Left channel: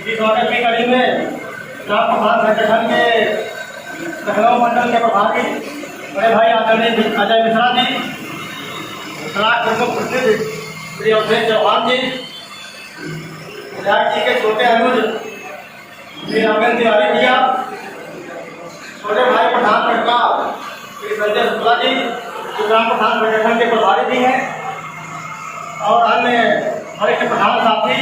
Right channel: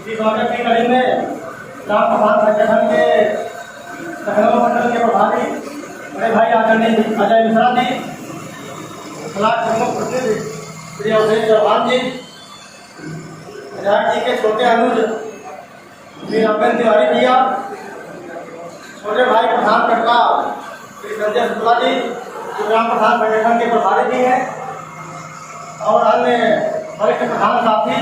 इसी स्वागत की कड़ी में ग्राम प्रधान संगठन के सहयोग मंडल के प्रभारी बड़े भाई आदरणीय अजय मिश्रा जी, ब्लॉक प्रमुख प्रतिनिधि श्री अवधेश चौहान जी, विधायक जी के छोटे अनुज श्री अरविंद तिवारी भैया, छोटे भाई प्रधान कटवा श्री संजय शुक्ला जी जो ग्राम प्रधान संगठन के प्रभारी भी हैं, और अन्य वरिष्ठ प्रधान साथी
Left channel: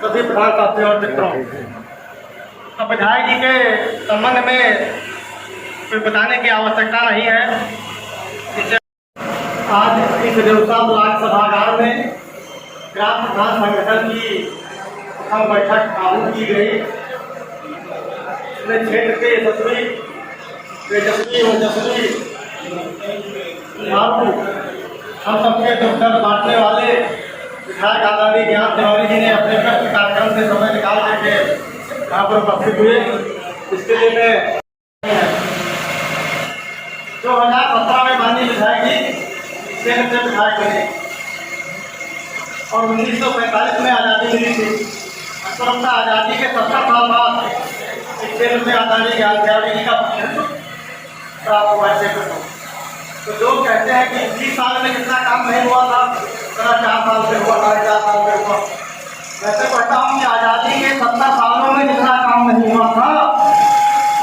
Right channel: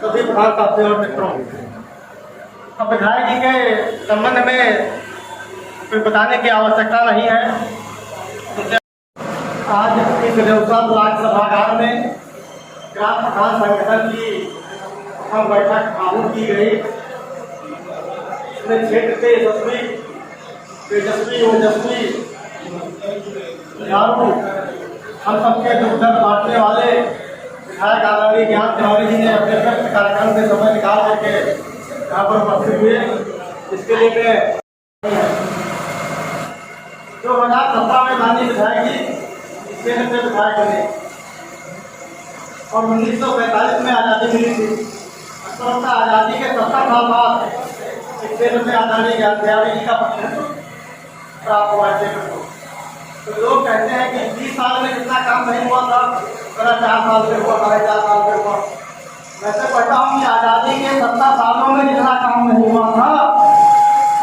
सभी प्रधान साथी और मित्रों, अब विधायक जी के संबंध में कुछ बताने की आवश्यकता नहीं है। आज इस देवता ब्लॉक सभागार में ग्राम प्रधान संगठन की बैठक आरंभ की गई। अपने क्षेत्र के यशस्वी तेजस्वी ओजस्वी झाड़ू हम सबके दुख दर्द बांटने वाले विधायक आदरणीय ज्ञान तिवारी जी ने अपने व्यस्त कार्यक्रम से समय निकाल करके यहाँ पर उपस्थित हुए। इसके लिए मैं 2017 में माननीय विधायक जी केंद्र से विधायक बने और 1945 में आज़ादी मिली थी। स्वतंत्रता आज़ादी के 70 साल बाद इस केंद्र से आदरणीय ज्ञान तिवारी जी का प्रतिनिधित्व प्राप्त हुआ है। तो लोग कहते हैं कि 20 साल में जितना काम नहीं हुआ था 4 साल में हुआ, 4.5 साल में हुआ। वैसे कहता हूँ कि आज़ादी के 70 सालों में जितना काम नहीं हुआ था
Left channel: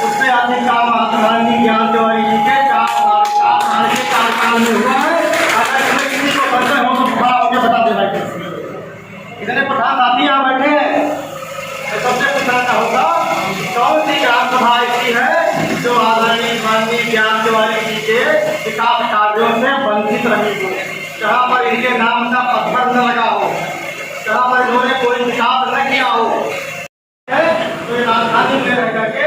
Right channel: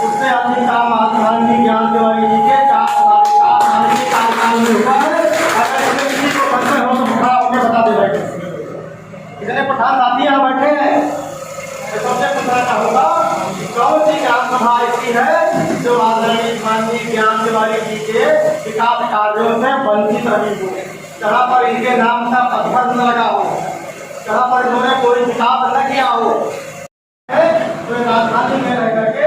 उससे अधिक काम आदरणीय ज्ञान तिवारी जी के 4 साल में हुआ है। अगर किसी को संशय हो तो खड़ा होकर बता दे बैठे इतने प्रधान साथी यहाँ बैठे हैं, तो सबसे पूछना चाहूँगा कौन सी ग्राम सभा ऐसी है जो आदरणीय माननीय ज्ञान तिवारी जी के विकास कार्यों से वंचित रही हो, जहाँ पर इनके नाम का पत्थर न लगा हो, जहाँ पर इन्होंने कोई विकास न किया हो। कोई राजधानी में रह करके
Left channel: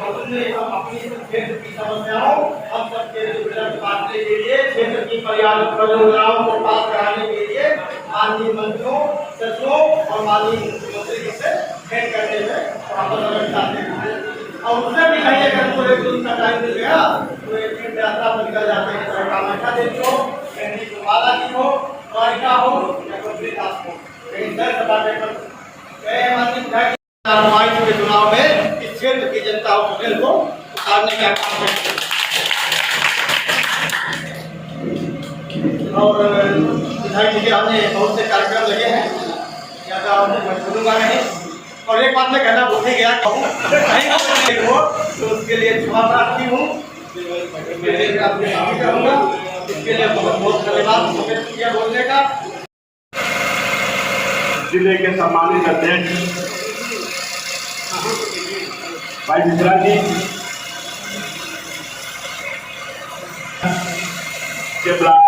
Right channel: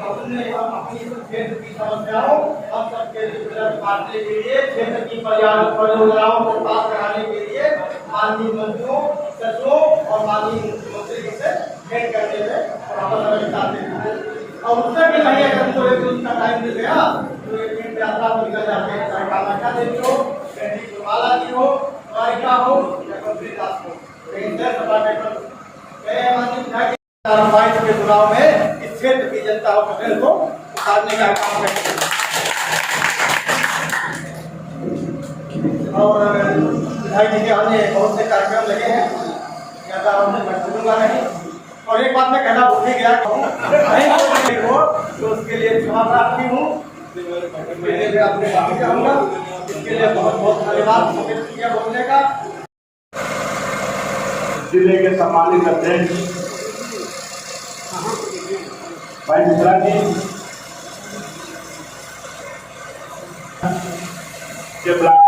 अपनी क्षेत्र की समस्याओं हम सबके काटने के लिए, क्षेत्र की परियोजनाओं को पास कराने के लिए माननीय मंत्रियों, सचिवों और माननीय मुख्यमंत्री से भेंट करते हुए और उससे भी कहीं अगर तो एक दिन का टाइम मिल गया तो एक दिन रास्ता पर निकल जाते हैं। चाहे कामाख्या देवी हो, माला जी हो, द्वारिका हो या कंप्लीट दास हो, लेकिन दर सपाटे पर कार्रवाई के चुनाव में इस क्षेत्र की जनता और पटेल को उतारने का काम है। और विधायक जी के हमने बहुत से कार्यक्रम लगे हैं, ज़्यादा मैं सुनूंगा नहीं। और एक बात मैं कहना भूल ही गया कहूँ नहीं हो तो उसके लिए क्षमा प्रार्थी हूँ, इसके लिए मैं आपसे माफी चाहूँगा। इसके लिए बहुत बहुत धन्यवाद शुक्रिया बोलने का। जिले के सम्मानित अध्यक्ष भाई मिश्रा जी के ब्लॉक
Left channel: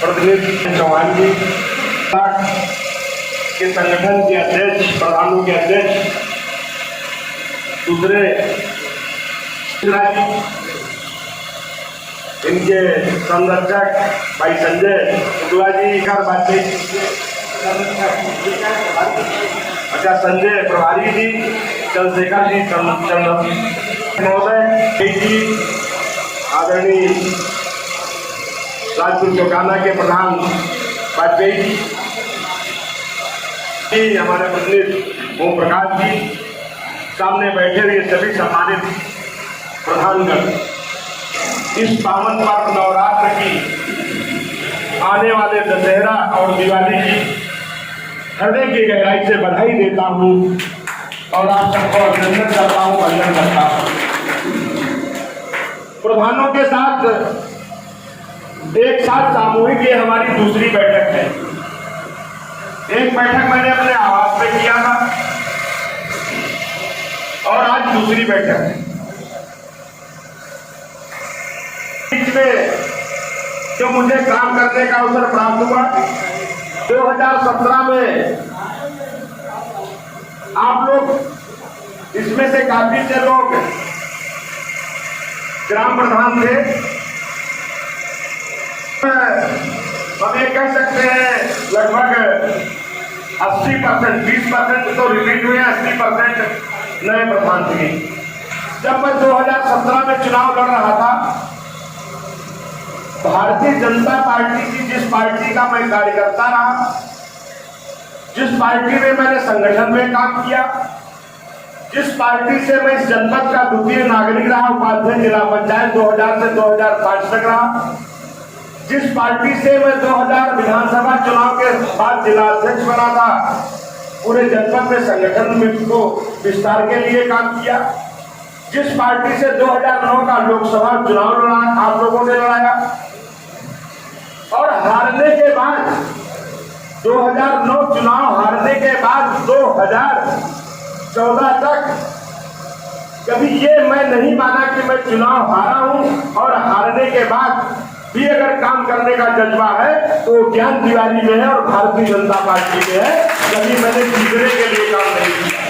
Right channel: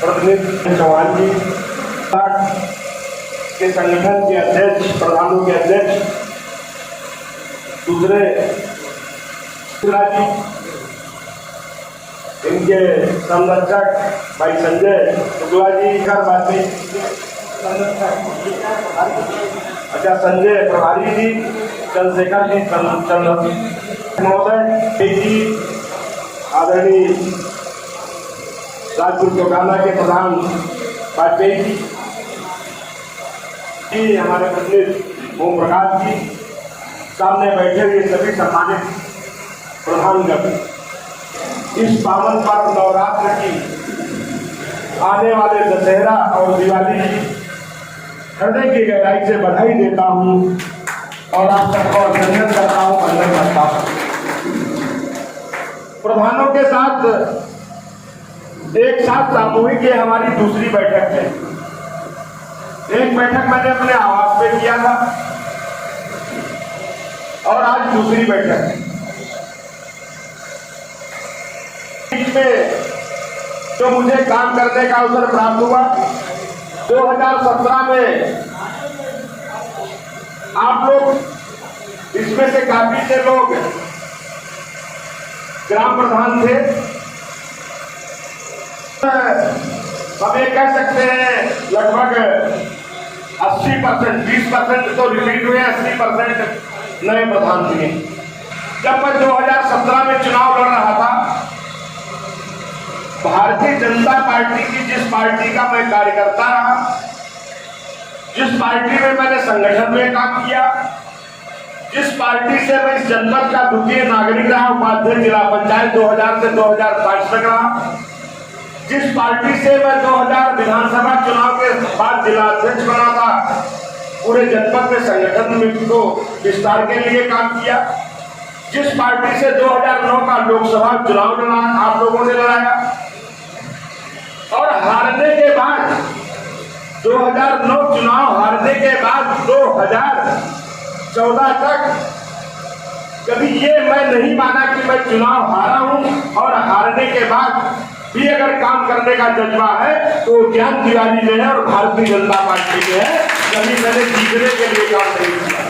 प्रतिनिधि चौहान जी के संगठन के अध्यक्ष, प्रधानों के अध्यक्ष दूसरे इनके संरक्षक भाई संजय शुक्ला जी कर बातचीत, अच्छा संजय प्रभारी जी, चंद्रशेखर जी महोदय जी, आदरणीय राजपुर चौकाना के प्रधान वाजपेयी जी, हमारे प्रतिनिधि ओम प्रकाश जी, सामने बैठे हुए सभी सम्मानित प्रधानगण, इस पावन पर्व नवरात्र की आने वाले दशहरा और दिवाली की हृदय की गहराई से बधाई देता हूँ और आप सबको अभिनंदन करता हूँ, वंदन करता हूँ। प्रधानों के साथ एक साथ सामूहिक ये हमारी दूसरी बैठक है। एक बैठक मैंने अपने आवास पे किया था और आज दूसरी बैठक है। इसमें जो मुझे काम करने का अवसर प्राप्त हुआ 2017 में, आप लोग इसमें से काफी से लोग ग्राम प्रधान थे। हम ये कह सकते हैं लगभग 80%, 20% तो रिपीट हुए, 80% नए प्रधान थे। जब मैं 2017 में चुनाव लड़ रहा था, भारतीय जनता पार्टी की जिस पार्टी का मैं कार्यकर्ता रहा, जिस पार्टी में मैंने संगठन में काम किया, जिस पार्टी से मैं इस जनपद का द्वितीय नागरिक रहा, उपाध्यक्ष जिला पंचायत 2000 से 2005 तक रहा, जिस पार्टी से मैं 2000 विधानसभा चुनाव के बाद जिला अध्यक्ष बना था, पूरे जनपद में संगठन में को विस्तार के लिए काम किया, जिस पार्टी से 2009 का लोकसभा चुनाव लड़ा, आप लोगों ने लड़ाया, और हारने के बाद 2009 चुनाव हारने के बाद 2014 तक कभी ये मैं नहीं माना कि मैं चुनाव हारा हूं, और हारने के बाद भी अगर काम करने का जज्बा है तो ज्ञान तिवारी में है और भारतीय जनता पार्टी में है। कभी मैंने जीतने के लिए काम नहीं किया,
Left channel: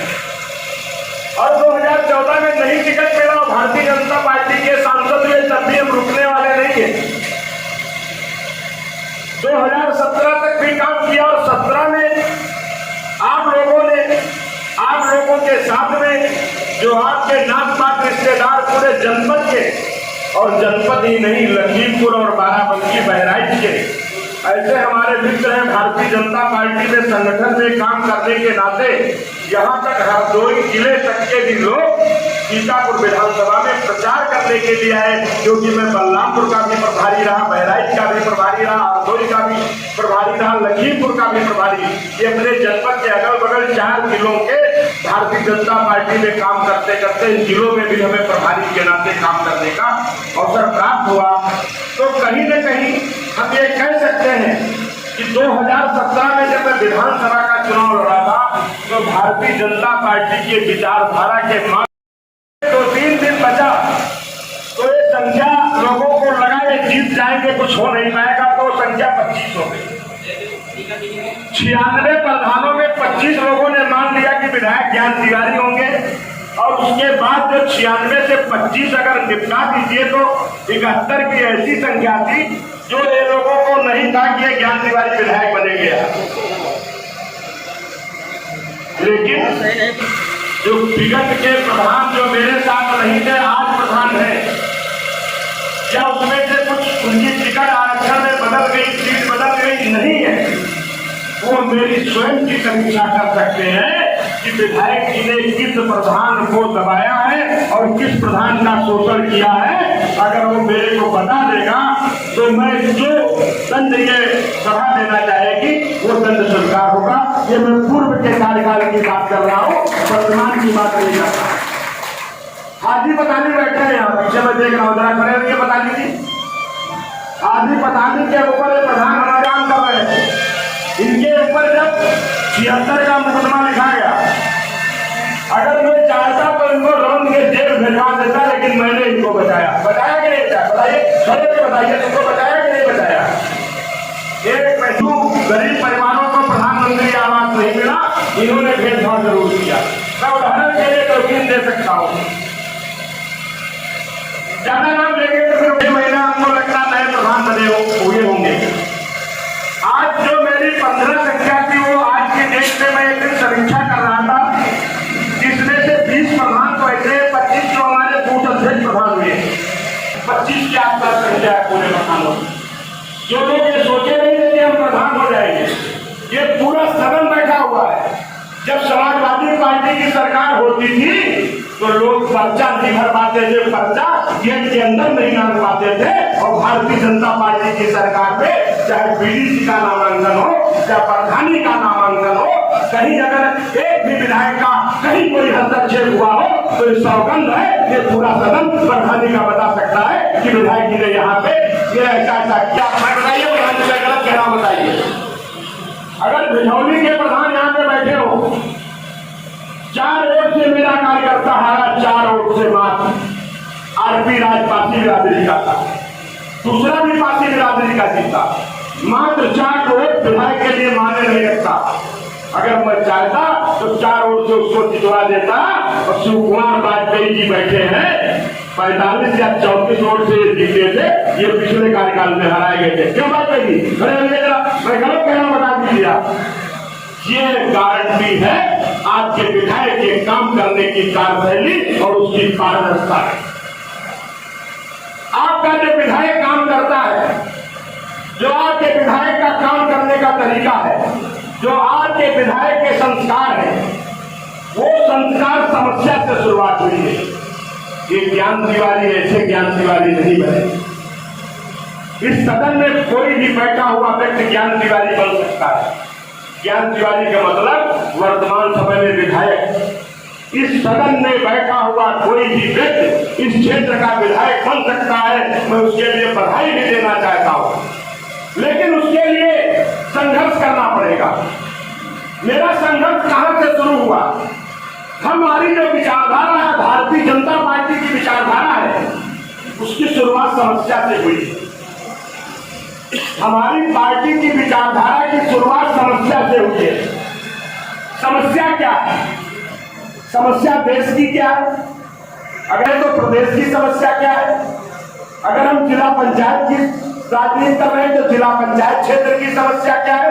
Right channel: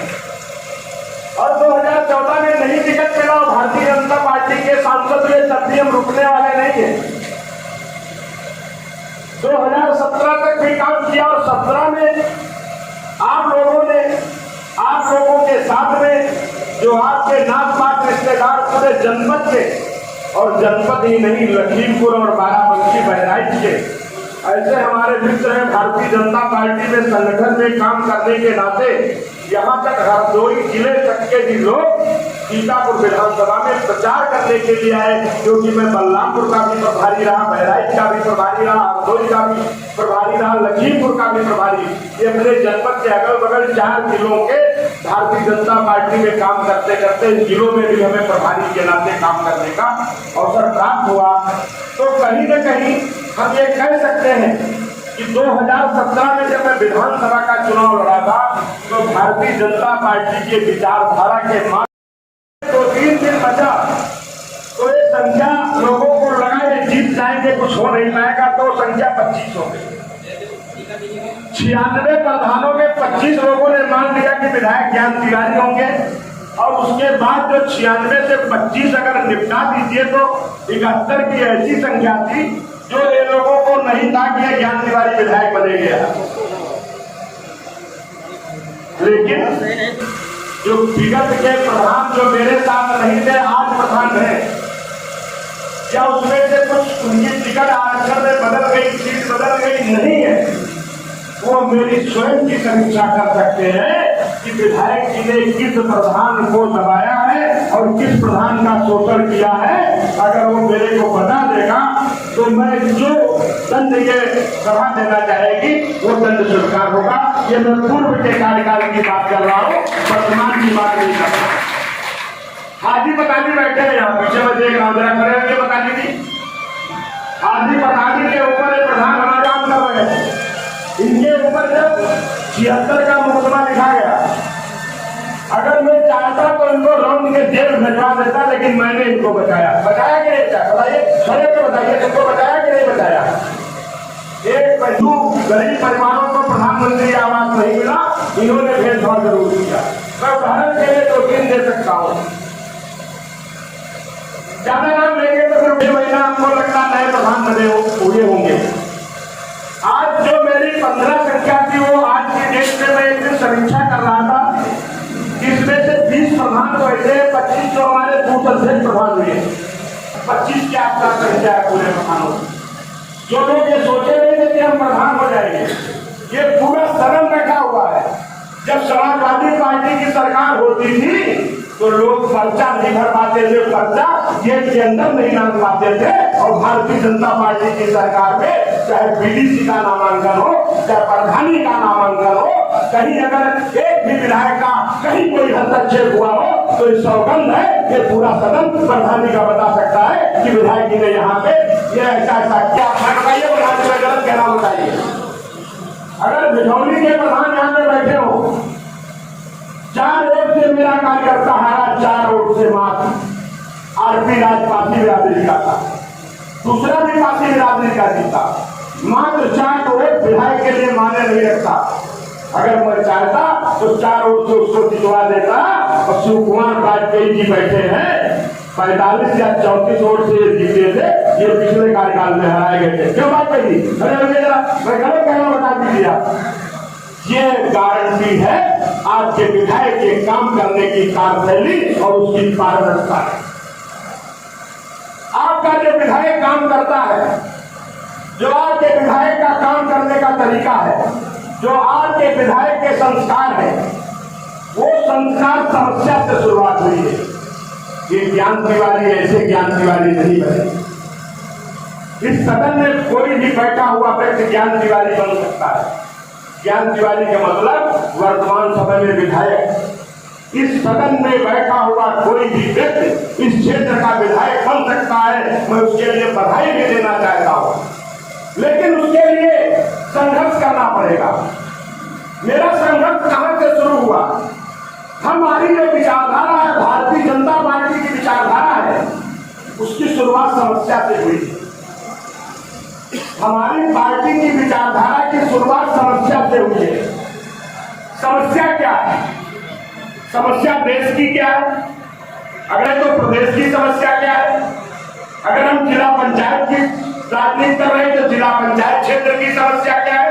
और 2014 में नहीं टिकट मिला और भारतीय जनता पार्टी के सांसद हुए, तब भी हम रुकने वाले नहीं है। 2017 तक भी काम किया, और 17 में आप लोगों के साथ में जो आपके नाम पात रिश्तेदार पूरे जनपद के, और जनपद ही नहीं लखीमपुर और बाराबंकी बहराइच के ऐसे हमारे मित्र हैं, भारतीय जनता पार्टी में संगठन में काम करने के नाते यहाँ तक हरदोई जिले तक के भी लोग सीतापुर विधानसभा में प्रचार करने के लिए आए, क्योंकि मैं बलरामपुर का भी प्रभारी रहा, बहराइच का भी प्रभारी रहा, हरदोई का भी प्रभारी रहा, लखीमपुर का भी प्रभारी। ये अपने जनपद के अगल बगल 4 जिलों के भारतीय जनता पार्टी में काम करते करते इन जिलों में भी हमें प्रभारी के नाते काम करने का अवसर प्राप्त हुआ। तो कहीं न कहीं हम ये कह सकते हैं कि 2017 में जब मैं विधानसभा का चुनाव लड़ा था, तो भारतीय जनता पार्टी के विचारधारा के मार्ग 2-3 दिन बचा, तो ये संख्या लोगों को लगा ये जीत जाएंगे, कुछ हो नहीं पाएगा, तो संख्या 25 हो गई। 96 प्रधानों में 25 लोगों ने मान लिया कि विधायक ज्ञान तिवारी होंगे, और उसके बाद जो 96 से 25 अगर निपटा दीजिए तो 71 की ऐसी संख्या थी जो ये लोगों को नहीं था कि ज्ञान तिवारी विधायक बनेंगे। लेकिन जो विगत के प्रधान जो मेरे साथ नहीं थे, आज प्रधान है, क्या उसमें से कुछ उनकी टिकट आरक्षण में बदल गई, सीट बदल गई? नहीं है। वो मेरी स्वयं की समीक्षा कर सकते हैं कि विधायक जी ने किस प्रधान को दबाया है और किस प्रधान का शोषण किया है। अगर वो मेरे को बता देगा तो मैं जो दंड ये सभा देना चाहेगी वो दंड स्वीकार होगा। ये मैं पूर्व के कार्यकाल की बात कर रहा हूँ, वर्तमान की बात नहीं कर रहा। हाजी पतानी बैठे हैं यहाँ पीछे, मैं देख रहा हूँ, जरा खड़े होंगे पतानी जी। हाजी पतानी के ऊपर प्रधान हमारे काम कर रहे हैं, इनके ऊपर जब 76 का मुकदमा लिखा गया, अगर मैं चाहता तो इनको रौंद के जेल भिजवा देता, लेकिन मैंने इनको बचाया कि नहीं बचाया? बताइए, खड़े तो बताइए, तुमको बचाया कि नहीं बचाया? एक पैसू गरीब परिवारों को प्रधानमंत्री आवास नहीं मिला, इन्होंने भेदभाव जरूर किया। मैं उदाहरण के लिए 2-3 दे सकता हूँ, ज्यादा नाम लेंगे तो फिर 1 महीना आपको लगता नए प्रधान बने हुए होंगे। आज जो मेरी 15 संख्या थी, वो आज की डेट में मैं एक दिन समीक्षा कर रहा था, इसमें से 20 प्रधान तो ऐसे हैं, 25 जो हमारे बूथ अध्यक्ष प्रधान हुए, 25 के आसपास संख्या है पूरे प्रधानों की। जो लोग ये सोचे नहीं थे कि हम प्रधान हो जाएंगे, ये पूरा सदन बैठा हुआ है। जब समाजवादी पार्टी की सरकार होती थी तो लोग पर्चा नहीं भर पाते थे, पर्चा गेट के अंदर नहीं डाल पाते थे, और भारतीय जनता पार्टी की सरकार में चाहे बीडीसी का नामांकन हो, चाहे प्रधानी का नामांकन हो, कहीं अगर एक भी विधायक का कहीं कोई हस्तक्षेप हुआ हो तो इस सौगंध है, ये पूरा सदन प्रधानी का बता सकता है कि विधायक जी ने यहाँ पे ये ऐसा क्या। बताइए प्रधान जी गलत कहना बताइए। अगर भिजौली के प्रधान यहाँ पे बैठे हो, 4 वोट से मेरा कार्यकर्ता हारा, 4 वोट से मात्र आरपी राज पासी बिरादरी का था, दूसरा भी पासी बिरादरी का जीता, मात्र 4 वोट विधायक के लिए मान्य नहीं रखता। अगर मैं चाहता तो 4 वोट से उसको जितवा देता, और शिव कुमार वाजपेयी जी बैठे हैं 45 या 34 वोट से जीते थे, ये पिछले कार्यकाल में हराए गए थे। क्यों बात कही? मैं गलत कहना बता दीजिए आप। ये गारंटी है आपके विधायक के काम करने की कार्यशैली और उसकी पारदर्शिता। आपका जो विधायक काम करता है, जो आपके विधायक का काम करने का तरीका है, जो आज के विधायक के संस्कार है, वो संस्कार समस्या से शुरुआत हुई है। ये ज्ञान तिवारी ऐसे ज्ञान तिवारी नहीं बने। इस सदन में कोई भी बैठा हुआ व्यक्ति ज्ञान तिवारी बन सकता है। ज्ञान तिवारी का मतलब वर्तमान समय में विधायक। इस सदन में बैठा हुआ कोई भी व्यक्ति इस क्षेत्र का विधायक बन सकता है। मैं उसके लिए बधाई भी देना चाहता हूं, लेकिन उसके लिए संघर्ष करना पड़ेगा। मेरा संघर्ष कहां से शुरू हुआ? हमारी जो विचारधारा है, भारतीय जनता पार्टी की विचारधारा है, उसकी शुरुआत समस्या से हुई। हमारी पार्टी की विचारधारा की शुरुआत समस्या से हुई है। समस्या क्या है? समस्या देश की क्या है? अगर तो प्रदेश की समस्या क्या है? अगर हम जिला पंचायत की राजनीति कर रहे हैं तो जिला पंचायत क्षेत्र की समस्या क्या है?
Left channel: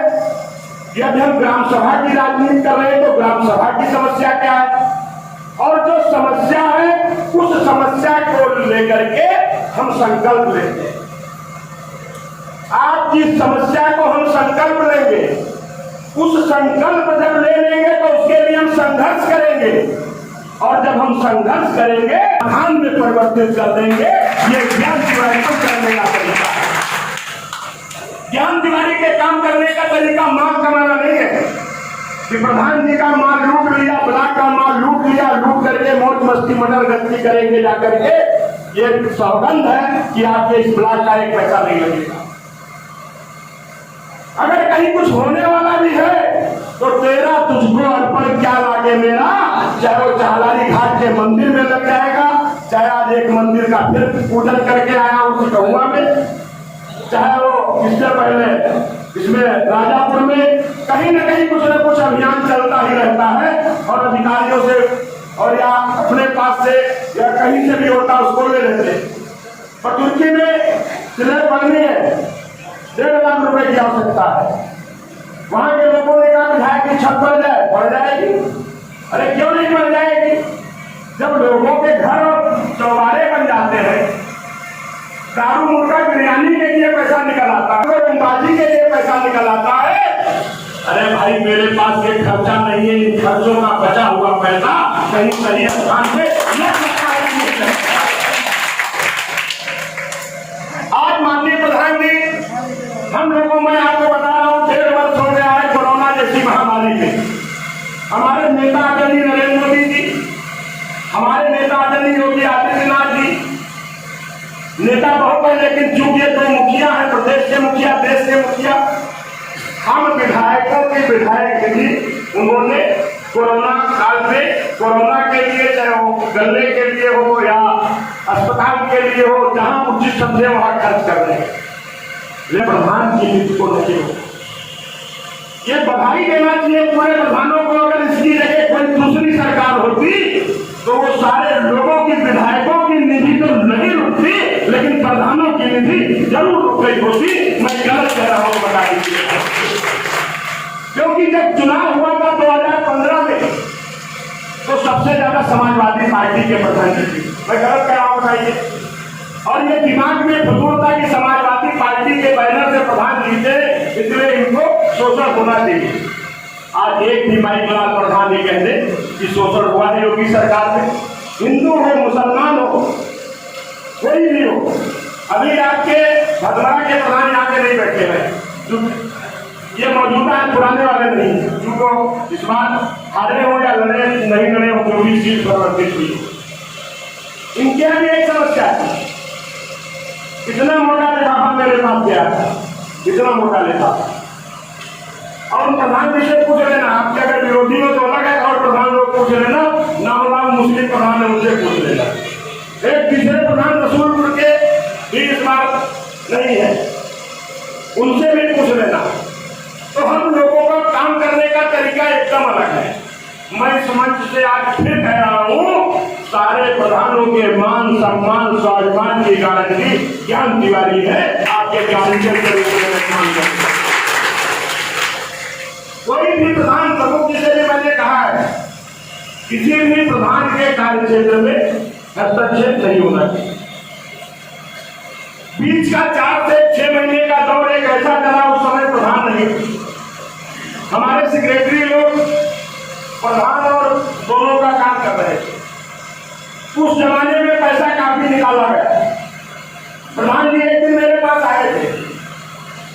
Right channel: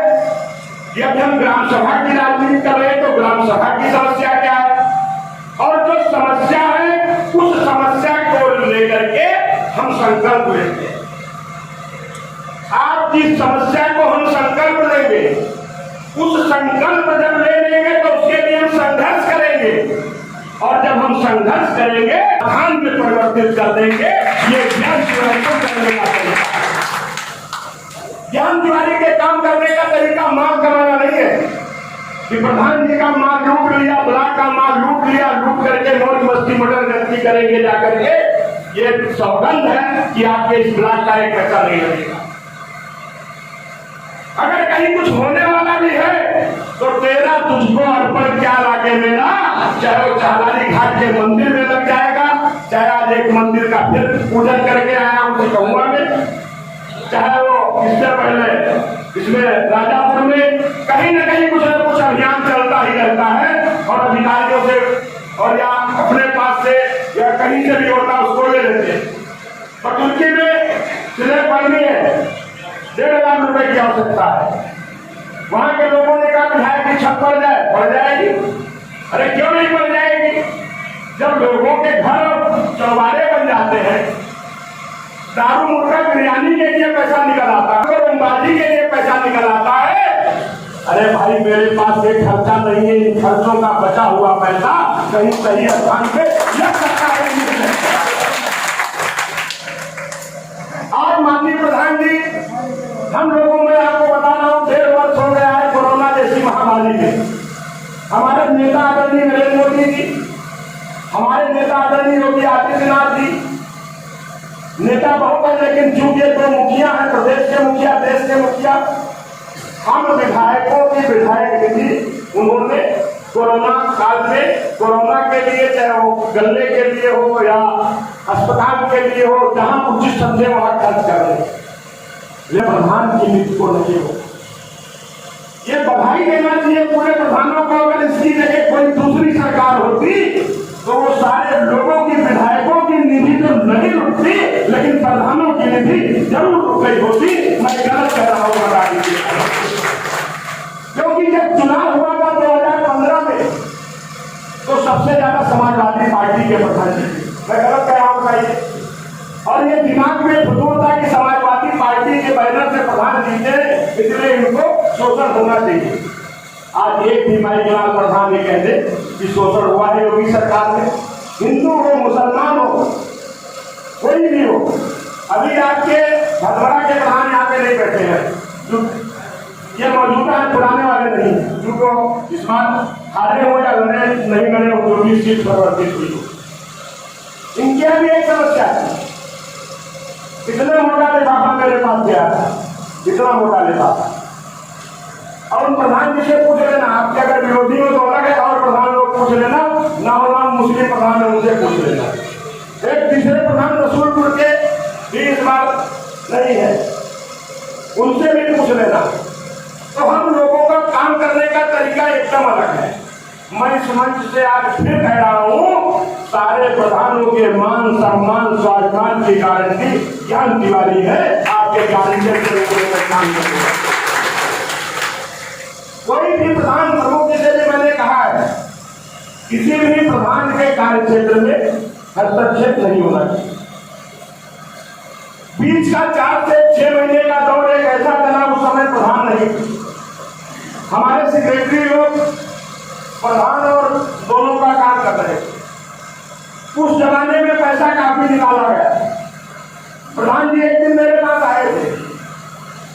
जब हम ग्राम सभा की राजनीति कर रहे हैं तो ग्राम सभा की समस्या क्या है? और जो समस्या है, उस समस्या को लेकर के हम संकल्प लेते हैं। आज जिस समस्या को हम संकल्प लेंगे, उस संकल्प जब ले लेंगे तो उसके लिए हम संघर्ष करेंगे, और जब हम संघर्ष करेंगे प्रधान में परिवर्तित कर देंगे। ये ज्ञान तिवारी को करने का तरीका है। ज्ञान तिवारी के काम करने का तरीका माल कमाना नहीं है कि प्रधान जी का माल लूट लिया, ब्लॉक का माल लूट लिया, लूट करके मौज मस्ती मटर गश्ती करेंगे जाकर के। ये सौगंध है कि आपके इस ब्लॉक का एक पैसा नहीं लगेगा। अगर कहीं कुछ होने वाला भी है तो तेरा तुझको अर्पण क्या लागे मेरा, चाहे वो चालानी घाट के मंदिर में लग जाएगा, चाहे आज एक मंदिर का फिर पूजन करके आया हूं कहूँगा में, चाहे वो इससे पहले इसमें राजापुर में कहीं न कहीं कुछ न कुछ अभियान चलता ही रहता है, और अधिकारियों से और या अपने पास से या कहीं से भी होता उसको ले लेते। और तुर्की में स्लैब पड़नी है, 1.5 लाख रुपए की आवश्यकता है। वहां के लोगों ने कहा विधायक की छत पड़ जाएगी। अरे क्यों नहीं पड़ जाएगी? जब लोगों के घर चौबारे बन जाते हैं, दारू मुर्गा बिरयानी के लिए पैसा निकल आता है, रंगबाजी के लिए पैसा निकल आता है। अरे भाई मेरे पास ये खर्चा नहीं है, इन खर्चों का बचा हुआ पैसा कहीं सही स्थान पे लग सकता है। आज माननीय प्रधान जी, हम लोगों में आपको बता रहा हूँ 1.5 वर्ष हो गया है कोरोना जैसी महामारी में। हमारे नेता आदरणीय नरेंद्र मोदी जी, हमारे नेता आदरणीय योगी आदित्यनाथ जी, नेता बहुत है लेकिन चूंकि 2 मुखिया है, प्रदेश के मुखिया, देश के मुखिया, हम विधायकों के विधायक निधि उन्होंने कोरोना काल में कोरोना के लिए, चाहे वो गले के लिए हो या अस्पताल के लिए हो, जहां उचित समझे वहां खर्च कर रहे हैं। प्रधान की नीति को नहीं हो। ये बधाई देना चाहिए पूरे प्रधानों को। अगर इसकी जगह कोई दूसरी सरकार होती तो वो सारे लोगों की, विधायकों की निधि तो नहीं लुटती, लेकिन प्रधानों की निधि जरूर लुट गई होती। मैं गलत कह रहा हूं, बता दीजिए। क्योंकि जब चुनाव हुआ था 2015 में तो सबसे ज्यादा समाजवादी पार्टी के प्रधान जी, मैं गलत कह रहा हूं बताइए। और ये दिमाग में फजूल था कि समाजवादी पार्टी के बैनर से प्रधान जीते, इसलिए इनको शोषण होना चाहिए। आज एक भी भाई जनाब प्रधान ये कहते कि शोषण हुआ है योगी सरकार में। हिंदू हो, मुसलमान हो, कोई भी हो। अभी आपके भदवारा के प्रधान यहाँ पे नहीं बैठे हैं, ये मौजूदा है, पुराने वाले नहीं, क्योंकि इस बार हारे हो या लड़े नहीं लड़े हो, जो भी सीट परिवर्तित हुई हो। इनके भी एक समस्या है, कितना मोटा लिफाफा मेरे पास गया, कितना मोटा लिफाफा। और प्रधान जी से पूछ लेना, आपके अगर विरोधी में तो अलग है, और प्रधान लोग पूछ लेना, नाम मुस्लिम प्रधान है उनसे पूछ लेना। एक तीसरे प्रधान रसूलपुर के भी इस बार नहीं है, उनसे भी पूछ लेना। तो हम लोगों का काम करने का तरीका एकदम अलग है। मैं इस मंच से आज फिर कह रहा हूं, सारे प्रधानों के मान सम्मान स्वाभिमान की गारंटी ज्ञान तिवारी है। आपके गारंटी में काम करेंगे। कोई भी प्रधान प्रमुख, जिसे भी मैंने कहा है, किसी भी प्रधान के कार्य क्षेत्र में हस्तक्षेप नहीं होना चाहिए। बीच का 4 से 6 महीने का दौर एक ऐसा चला, उस समय प्रधान नहीं, हमारे सेक्रेटरी लोग प्रधान और दोनों का काम कर रहे थे। उस जमाने में पैसा काफी निकाला गया। प्रधान जी एक दिन मेरे पास आए थे,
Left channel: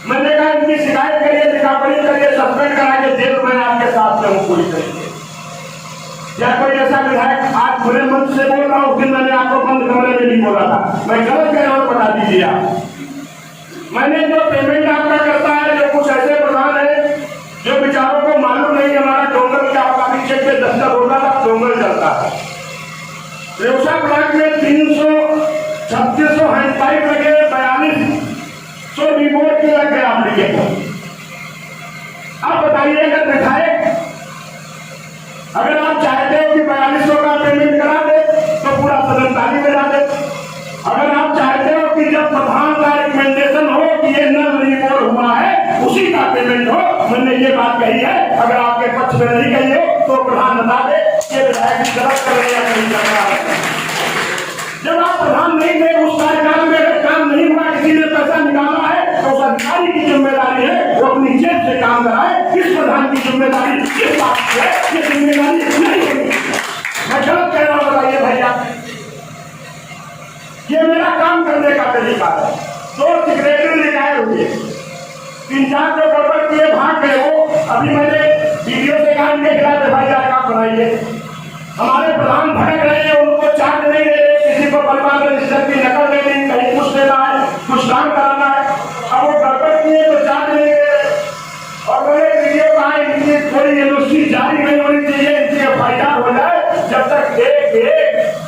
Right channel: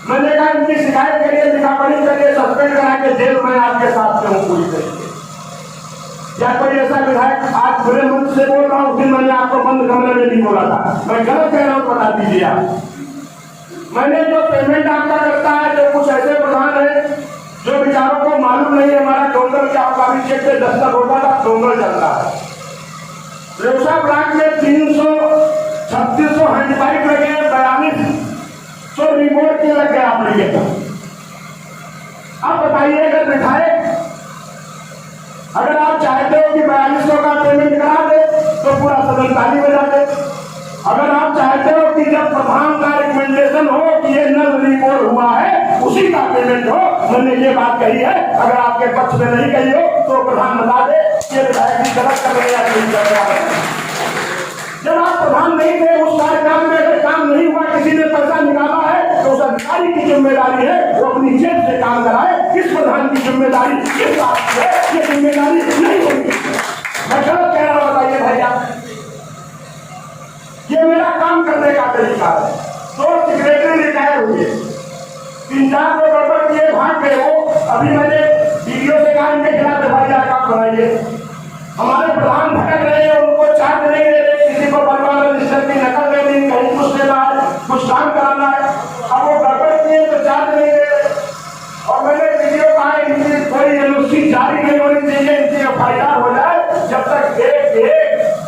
मैंने कहा इनकी शिकायत करिए, लिखापढ़ी करिए, सस्पेंड करा के जेल में आपके साथ में हूँ पूरी तरीके। या कोई ऐसा विधायक आज खुले मंच से बोल रहा हूँ, उस दिन मैंने आपको बंद कमरे में नहीं बोला था, मैं गलत कह रहा हूँ बता दीजिए आप। मैंने जो पेमेंट आपका करता है, जो कुछ ऐसे प्रधान है जो बेचारों को मालूम नहीं हमारा डोंगर क्या आपका भी चेक पे 10 होता था, डोंगर चलता है। रेवसा ब्लॉक में 300-3600 हैंडपाइप लगे, 4200 रिपोर्ट के लग गया एप्लीकेशन। अब बताइए अगर विधायक अगर आप चाहते हो कि 4200 का पेमेंट करा दे तो पूरा सदन ताली बजा दे। अगर आप चाहते हो कि जब प्रधान का रिकमेंडेशन हो कि ये नल रिपोर्ट हुआ है उसी का पेमेंट हो, मैंने ये बात कही है, अगर आपके पक्ष में नहीं कही हो तो प्रधान बता दे ये विधायक गलत कर रहे या नहीं कर रहा है। जब आप प्रधान नहीं थे उस कार्यकाल में अगर काम नहीं हुआ, किसी ने पैसा निकाला है तो उस अधिकारी की जिम्मेदारी है वो अपनी जेब से काम कराए। इस प्रधान की जिम्मेदारी इस बात की है, ये जिम्मेदारी नहीं होगी। मैं गलत कह रहा हूं बताइए भैया, ये मेरा काम करने का तरीका है। 2 सेक्रेटरी रिटायर हुए, 3-4 जो गड़बड़ किए भाग गए, वो अभी मैंने वीडियो से कहा इनके खिलाफ एफआईआर आप बनाइए। हमारे प्रधान भटक रहे हैं, उनको चार्ज नहीं दे रहे, किसी को बलवान रजिस्टर की नकल दे दी, कहीं कुछ देना है, कुछ काम कराना है, अब वो गड़बड़ किए तो चार्ज नहीं दे रहे। और मैंने वीडियो कहा इनकी कोई एनओसी जारी नहीं होनी चाहिए, इनकी एफआईआर हो जाए जब तक एक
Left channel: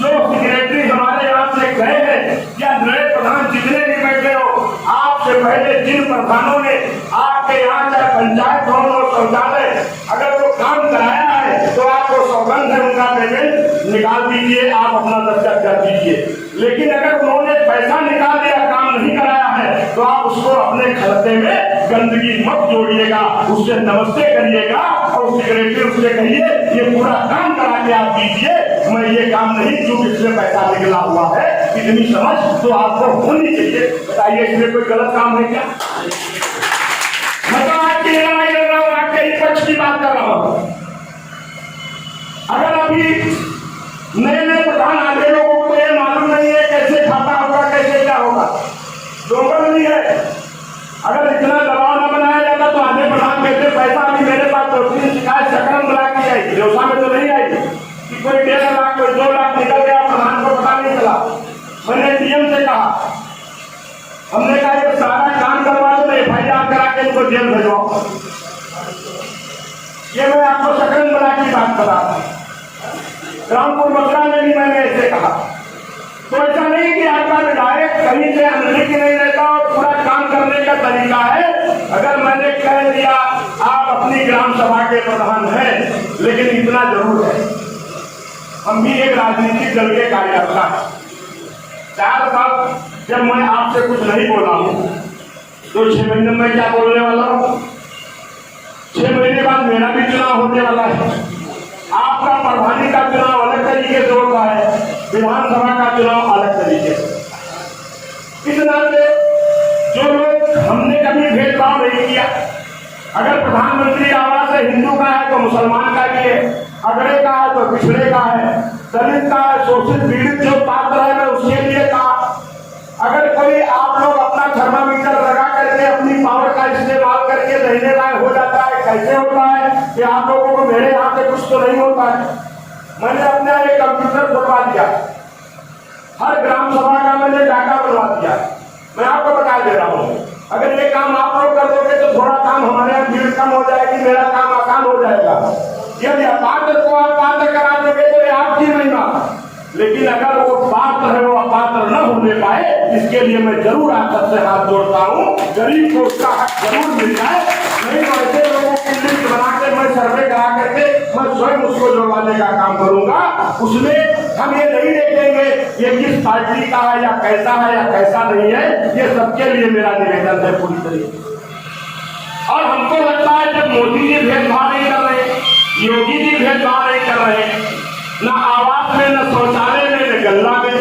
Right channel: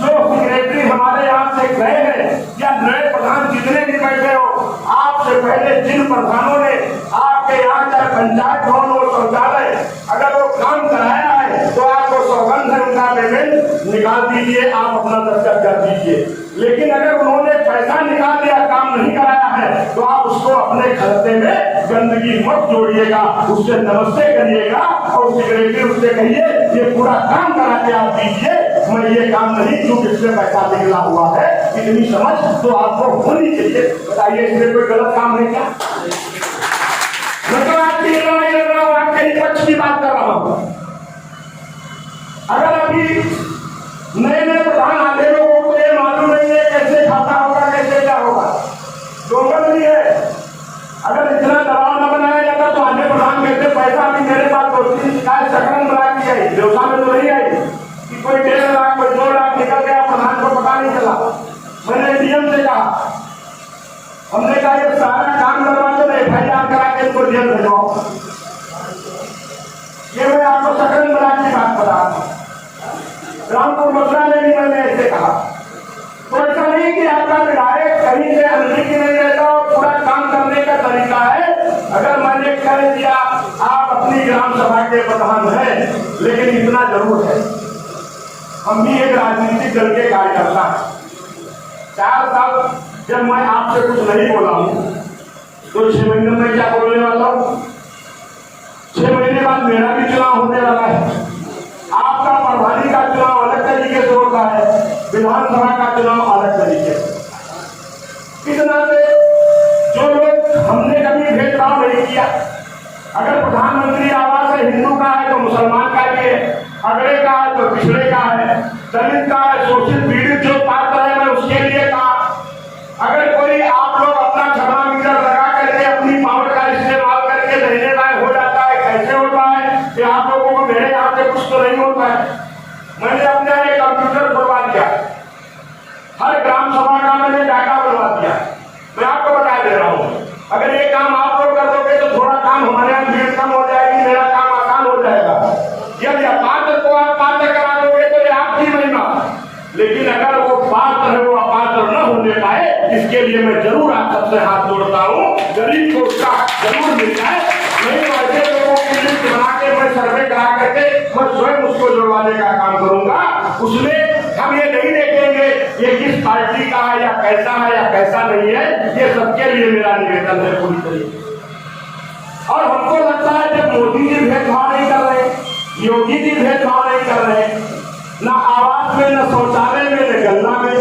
जो सेक्रेटरी हमारे यहाँ से गए हैं या नए प्रधान जितने भी बैठे हो, आपसे पहले जिन प्रधानों ने आपके यहाँ चाहे पंचायत भवन हो, शौचालय, अगर वो काम कराया है तो आपको सौगंध है उनका पेमेंट निकाल दीजिए, आप अपना दस्तखत कर दीजिए। लेकिन अगर उन्होंने पैसा निकाल दिया, काम नहीं कराया है, तो आप उसको अपने खाते में गंदगी मत जोड़िएगा, उससे नमस्ते करिएगा और सेक्रेटरी उससे कहिए ये पूरा काम करा के आप दीजिए, मैं ये काम नहीं जो इसमें पैसा निकला हुआ है। इतनी समझ तो आपको होनी चाहिए। बताइए इसमें कोई गलत काम है क्या? मैं तो आपकी लड़ाई लड़ रहा हूँ, आपके पक्ष की बात कर रहा हूँ। अगर अभी नए नए प्रधान आगे लोगों को ये मालूम नहीं है कैसे खाता होगा, कैसे क्या होगा, डोंगर नहीं है। अगर इतना दबाव न बनाया जाता तो आगे प्रधान कहते पैसा अभी मेरे पास 2-3 शिकायत सकरम ब्लॉक की आई, देवसा में तो नहीं आई कि कोई 1.5 लाख कोई 2 लाख निकल गया, प्रधान को पता नहीं चला। मैंने डीएम से कहा, हमने कहा ये सारा काम करवा दो, एफआईआर करा के इनको जेल भेजवाओ। ये मैं आपको सकरम ब्लॉक की बात बता रहा हूँ। रामपुर मथुरा में भी मैंने ऐसे कहा। तो ऐसा नहीं कि आपका विधायक कहीं से अनभिज्ञ नहीं रहता और पूरा काम करने का तरीका है। अगर मैंने कह दिया आप अपनी ग्राम सभा के प्रधान हैं, लेकिन इतना जरूर है हम भी एक राजनीतिक दल के कार्यकर्ता हैं। 4 साल जब मैं आपसे कुछ नहीं बोला हूं तो 6 महीने में क्या बोलने वाला हूं? 6 महीने बाद मेरा भी चुनाव होने वाला है। आपका प्रभारी का चुनाव अलग तरीके से होता है, विधानसभा का चुनाव अलग तरीके से। इस नाते जो लोग हमने कभी भेदभाव नहीं किया, अगर प्रधानमंत्री आवास है हिंदू का है तो मुसलमान का भी है, अगड़े का है तो पिछड़े का है, दलित का है, शोषित पीड़ित जो पात्र है मैं उसके लिए कहा। अगर कोई आप लोग अपना थर्मामीटर लगा करके अपनी पावर का इस्तेमाल करके रहने लायक हो जाता है, कैसे होता है कि आप लोगों को मेरे यहाँ से कुछ तो नहीं होता है। मैंने अपने एक कंप्यूटर बनवा दिया, हर ग्राम सभा का मैंने डाटा बनवा दिया। मैं आपको बता दे रहा हूँ, अगर ये काम आप लोग कर दोगे तो थोड़ा काम हमारे यहाँ भीड़ कम हो जाएगी, मेरा काम आसान हो जाएगा। यदि अपात्र को आप पात्र करा दोगे तो ये आपकी महिमा, लेकिन अगर वो पात्र है वो अपात्र न होने पाए, इसके लिए मैं जरूर आप सबसे हाथ जोड़ता हूँ, गरीब को उसका हक जरूर मिल जाए। नहीं तो ऐसे लोगों की लिस्ट बना के मैं सर्वे करा करके मैं स्वयं उसको जुड़वाने का काम करूंगा। उसमें हम ये नहीं देखेंगे ये किस पार्टी का है या कैसा नहीं है, ये सबके लिए मेरा निवेदन है पूरी तरीके से। और हमको लगता है जब मोदी जी भेदभाव नहीं कर रहे, योगी जी भेदभाव नहीं कर रहे, न आवास में, न शौचालय में, न गंगा में,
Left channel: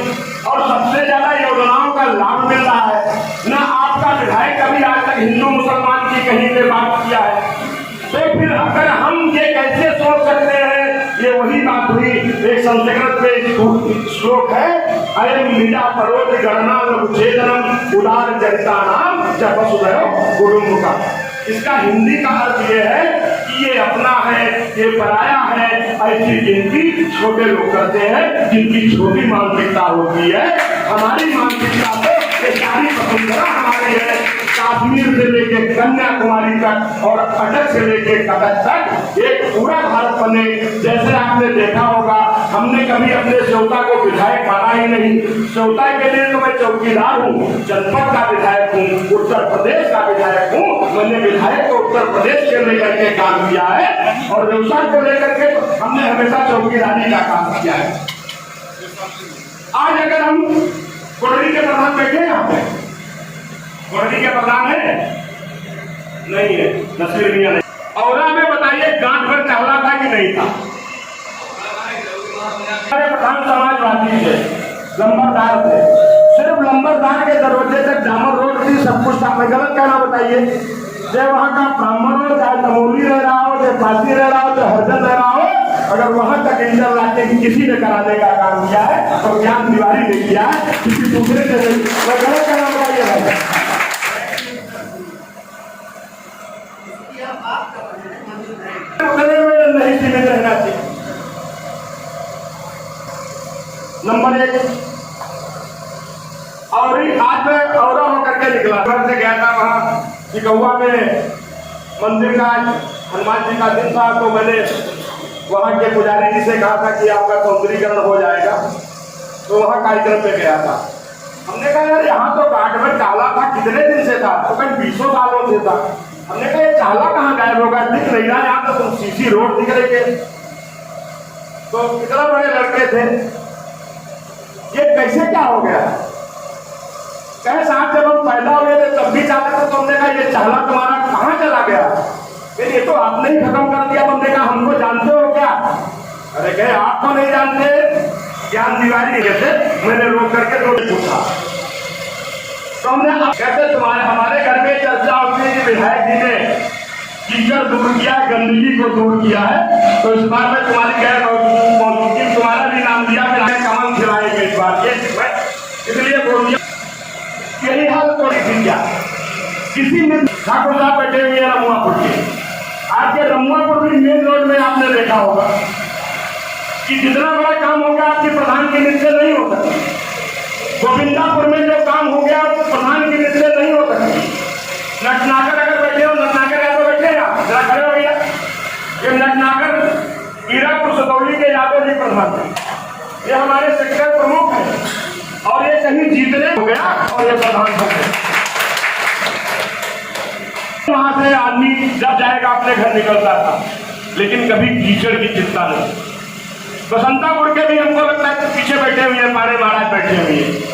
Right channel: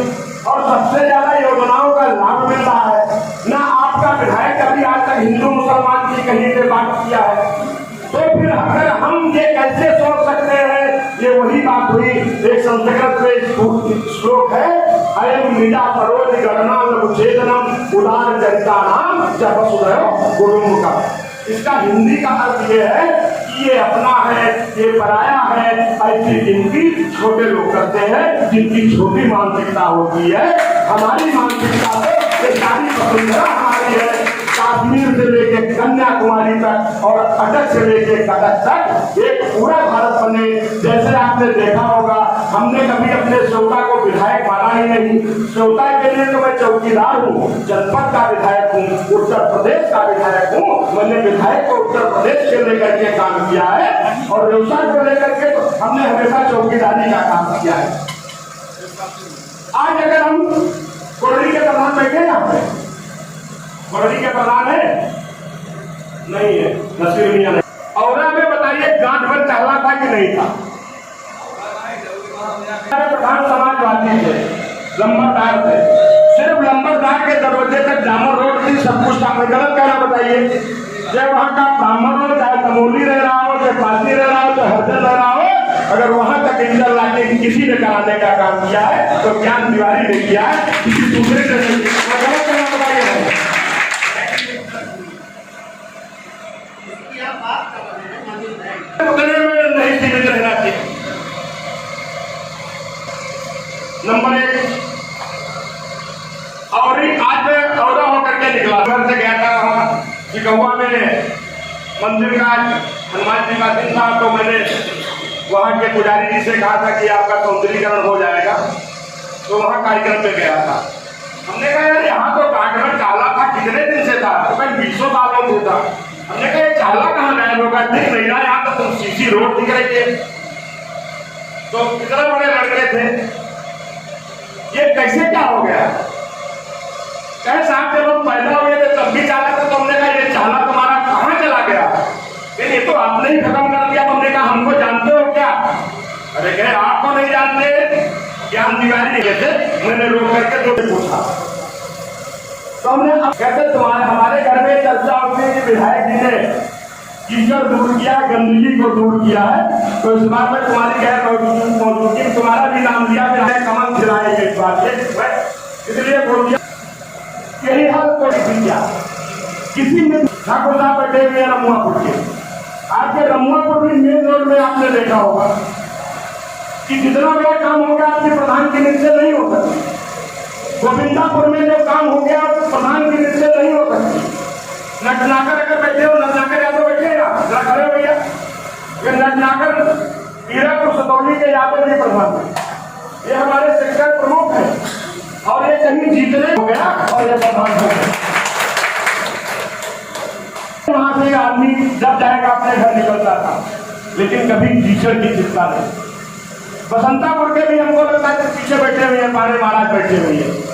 और सबसे ज्यादा योजनाओं का लाभ मिल रहा है, न आपका विधायक कभी आज तक हिंदू मुसलमान की कहीं पे बात किया है, तो फिर हम ये कैसे सोच सकते हैं? ये वही बात हुई, एक संस्कृत में श्लोक है, अयम निजा करोति गणना लघुचेतनम उदार चरिता नाम जब वसुधैव कुटुम्बकम। इसका हिंदी का अर्थ ये है कि ये अपना है, ये पराया है, ऐसी गिनती छोटे लोग करते हैं जिनकी छोटी मानसिकता होती है। हमारी मानसिकता से ये सारी वसुंधरा हमारी है, कश्मीर से लेके कन्याकुमारी तक और अटक से लेके कटक तक एक पूरा भारत बने। जैसे आपने देखा होगा, हमने कभी अपने श्रोता को विधायक माना ही नहीं। श्रोता के लिए तो मैं चौकीदार हूँ, जनपद का विधायक हूँ, उत्तर प्रदेश का विधायक हूँ। मैंने विधायक को उत्तर प्रदेश से लेकर के काम किया है और व्यवसाय को लेकर के हमने हमेशा चौकीदारी का काम किया है। आज अगर हम कोडरी के प्रधान बैठे यहाँ पे, कोडरी के प्रधान है नहीं है, नसीर मियां नहीं। औरा में बताइए गांठ भर टहला था कि नहीं था? प्रधान समाजवादी थे, लंबरदार थे, सिर्फ लंबरदार के दरवाजे तक डामर रोड थी, सब कुछ था। मैं गलत कहना बताइए? चाहे वहाँ का ब्राह्मण हो, चाहे तमोली रह रहा हो, चाहे पासी रह रहा हो, चाहे हरदन रह रहा हो, अगर वहां तक इंटर लाके किसी ने कराने का काम किया है तो ज्ञान तिवारी ने किया है, किसी दूसरे ने नहीं। मैं गलत कहना बताइए है? उतने में नहीं सीमित रहना चाहिए। नंबर 1। और आज मैं औरा होकर के निकला, घर से गया था वहां चिकौआ में मंदिर का, हनुमान जी का दिन था, तो मैंने वहां के पुजारी जी से कहा था कि आपका सौंदर्यीकरण हो जाएगा, तो वहां कार्यक्रम में गया था। हमने कहा यार यहाँ तो गांठ में काला था, कितने दिन से था? तो कहीं 20 सालों से था। हमने कहा ये काला कहाँ गायब होगा? दिख नहीं रहा, यहाँ तो तुम सीसी रोड दिख रही है। तो कितना बड़े लड़के थे, ये कैसे क्या हो गया? कहे साहब जब हम पैदा हुए थे तब भी चाला था, तो हमने कहा ये चाला तुम्हारा कहाँ चला गया? ये तो आपने ही खत्म कर दिया। हमने कहा हमको जानते हो क्या? अरे कहे आपको नहीं जानते, ज्ञान तिवारी कहते। मैंने रोक करके तो पूछा, तो हमने कहते तुम्हारे हमारे घर में चर्चा होती है कि विधायक जी ने कीचड़ दूर किया, गंदगी को दूर किया है, तो इस बार में तुम्हारी गैर मौजूदगी तुम्हारा भी नाम लिया, फिर कमल खिलाएंगे इस बार, इसलिए बोल दिया। यही हाल तो किया किसी ने ठाकुर साहब बैठे हुए रमुआपुर के, आज के रमुआपुर भी मेन रोड में आपने देखा होगा कि जितना बड़ा काम हो गया आपके प्रधान के नीचे नहीं हो सकती। गोविंदापुर में जो काम हो गया प्रधान के नीचे नहीं हो सकती। नटनागर अगर बैठे हो, नटनागर यादव बैठे हैं, जरा खड़े हो भैया। ये नटनागर हीरापुर सतौली के यादव जी प्रधान है, ये हमारे सेक्टर प्रमुख है और ये कहीं जीतने हो गया और ये प्रधान हो गया। वहां से आदमी जब जाएगा अपने घर निकलता था, लेकिन कभी कीचड़ की चिंता नहीं। बसंतापुर के भी हमको लगता है कि पीछे बैठे हुए हैं, पारे महाराज बैठे हुए हैं।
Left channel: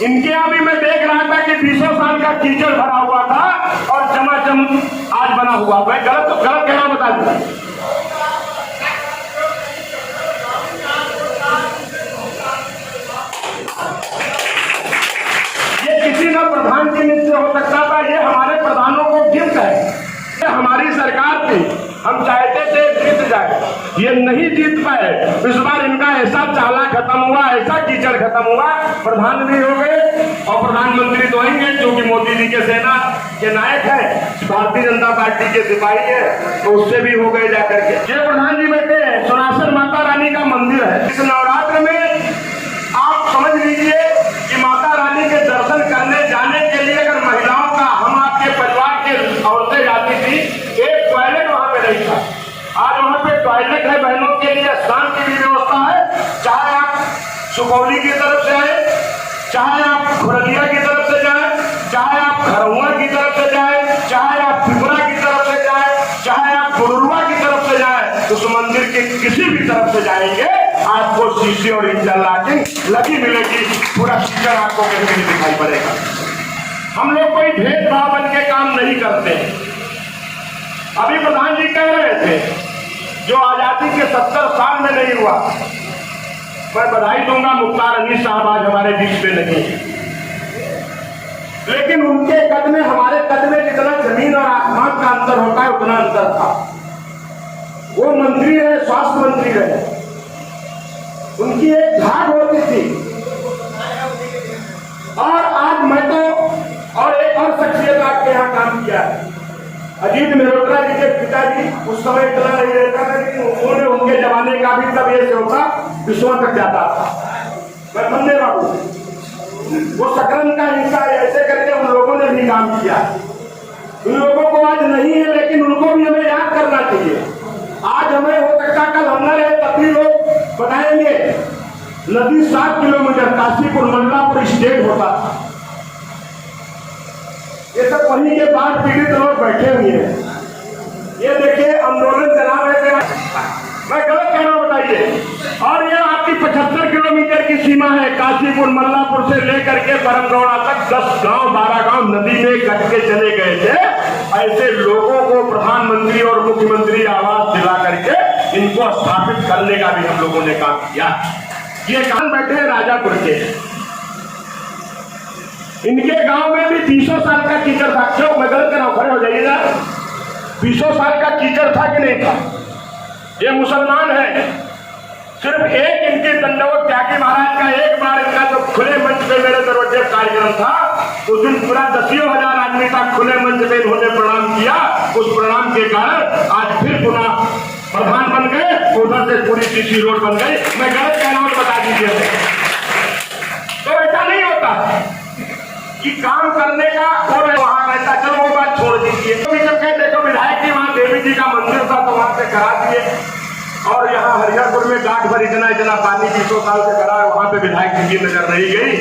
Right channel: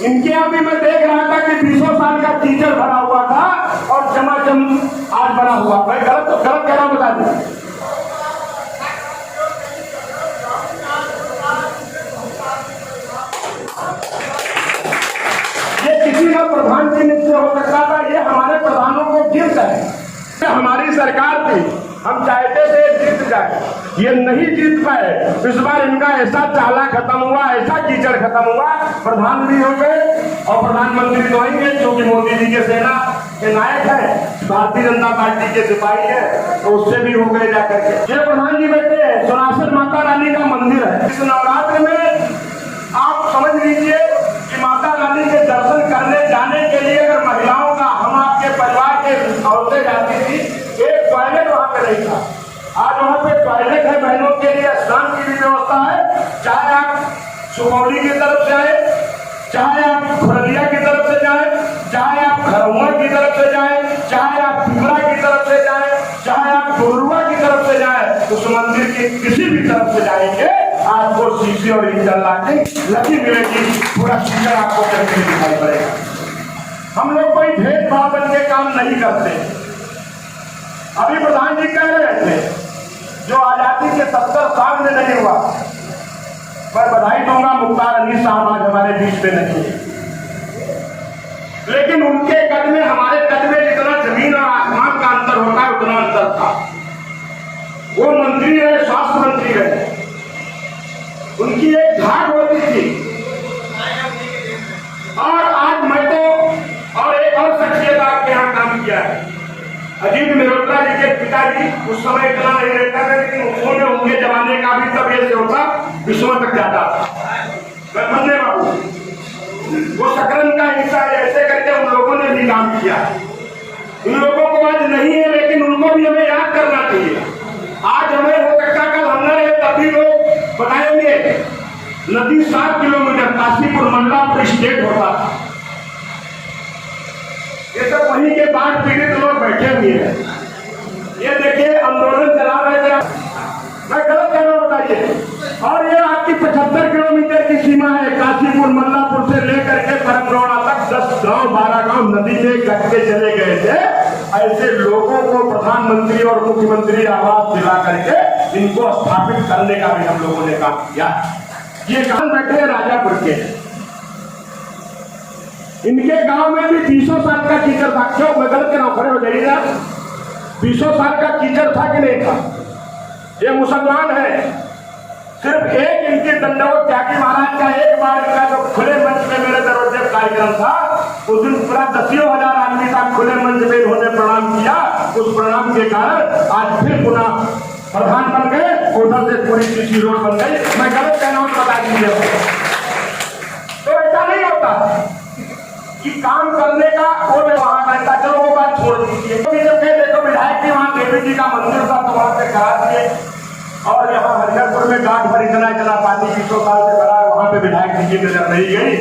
इनके यहाँ भी मैं देख रहा था कि 20 साल का कीचड़ भरा हुआ था और चमाचम आज बना हुआ। मैं गलत कहना बता दूं। ये किसी न प्रधान के नीचे हो सकता था, ये हमारे प्रधानों को गिफ्ट है। ये हमारी सरकार थी, हम चाहते थे जीत जाए, ये नहीं जीत पाए। इस बार इनका ऐसा चाला खत्म हुआ, ऐसा कीचड़ खत्म हुआ, प्रधान भी हो गए और प्रधानमंत्री तो आएंगे जो कि मोदी जी के सेना के नायक है, भारतीय जनता पार्टी के सिपाही है, तो उससे भी हो गए जाकर के। ये प्रधान जी बैठे हैं, सोनासर माता रानी का मंदिर है। इस नवरात्र में आप समझ लीजिए कि माता रानी के दर्शन करने जाने के लिए अगर महिलाओं का, हम आपके परिवार के औरतें जाती थी, एक टॉयलेट वहां पे नहीं था। आज वहां पे टॉयलेट है, बहनों के लिए स्नान की भी व्यवस्था है। चाहे आप सुपौली की तरफ से आए, चाहे आप खुरलिया की तरफ से जाए, चाहे आप खरौआ की तरफ से जाए, चाहे आप पिपरा की तरफ से जाए, चाहे आप गुरुआ की तरफ से जाए, उस मंदिर के किसी भी तरफ से जाएंगे आपको शीशे और इंटरलॉकिंग लगी मिलेगी। पूरा शीशा आपको कहीं से दिखाई पड़ेगा। हम लोग कोई भेदभाव बन के काम नहीं करते। अभी प्रधान जी कह रहे थे जो आजादी के 70 साल में नहीं हुआ, मैं बधाई दूंगा, मुख्तार अली साहब आज हमारे बीच में नहीं, लेकिन उनके कद में हमारे कद में जितना जमीन और आसमान का अंतर होता है उतना अंतर था। वो मंत्री रहे, स्वास्थ्य मंत्री रहे, उनकी एक घाट होती थी। और आज मैं तो और एक और शख्सियत आपके यहाँ काम किया है, अजीत मेहरोत्रा जी के पिताजी उस समय इतना नहीं रहता था, लेकिन उन्होंने उनके जमाने का भी तब ये सेवता विश्व तक जाता था। बंदे बाबू वो सकरन का हिस्सा ऐसे करके उन लोगों ने भी काम किया। उन लोगों को आज नहीं है, लेकिन उनको भी हमें याद करना चाहिए। आज हमें हो सकता कल हम न रहे, तब भी लोग बताएंगे नदी 7 किलोमीटर काशीपुर मंडलापुर स्टेट होता था। ये सब वहीं के बाढ़ पीड़ित लोग बैठे हुए हैं। ये देखिए आंदोलन चला रहे थे, मैं गलत कह रहा हूं बताइए। और ये आपकी 75 किलोमीटर की सीमा है, काशीपुर मंडलापुर से लेकर के बरमरोड़ा तक 10 गांव 12 गांव नदी में कट के चले गए थे। ऐसे लोगों को प्रधानमंत्री और मुख्यमंत्री आवास दिला करके इनको स्थापित करने का भी हम लोगों ने काम किया। ये गांव बैठे राजापुर के, इनके गांव में भी 200 साल का कीचड़ था। क्यों मैं गलत कर रहा हूं, खड़े हो जाइएगा। 200 साल का कीचड़ था कि नहीं था? ये मुसलमान है। सिर्फ एक इनकी दंडवत त्यागी महाराज का एक बार इनका जो खुले मंच पे मेरे दरवाजे कार्यक्रम था, उस दिन पूरा 10,000 आदमी का खुले मंच पे इन्होंने प्रणाम किया। उस प्रणाम के कारण आज फिर पुनः प्रधान बन गए, उधर से पूरी किसी रोड बन गई। मैं गलत कह रहा हूं, बता दीजिए। तो ऐसा नहीं होता कि काम करने का और वहां रहता, चलो वो बात छोड़ दीजिए। तो जब कहे देखो विधायक के वहां देवी जी का मंदिर था तो वहां से करा दिए, और यहाँ हरिहरपुर में गांठ भर इतना पानी 200 साल से भरा है, वहां पे विधायक जी की नजर नहीं गई,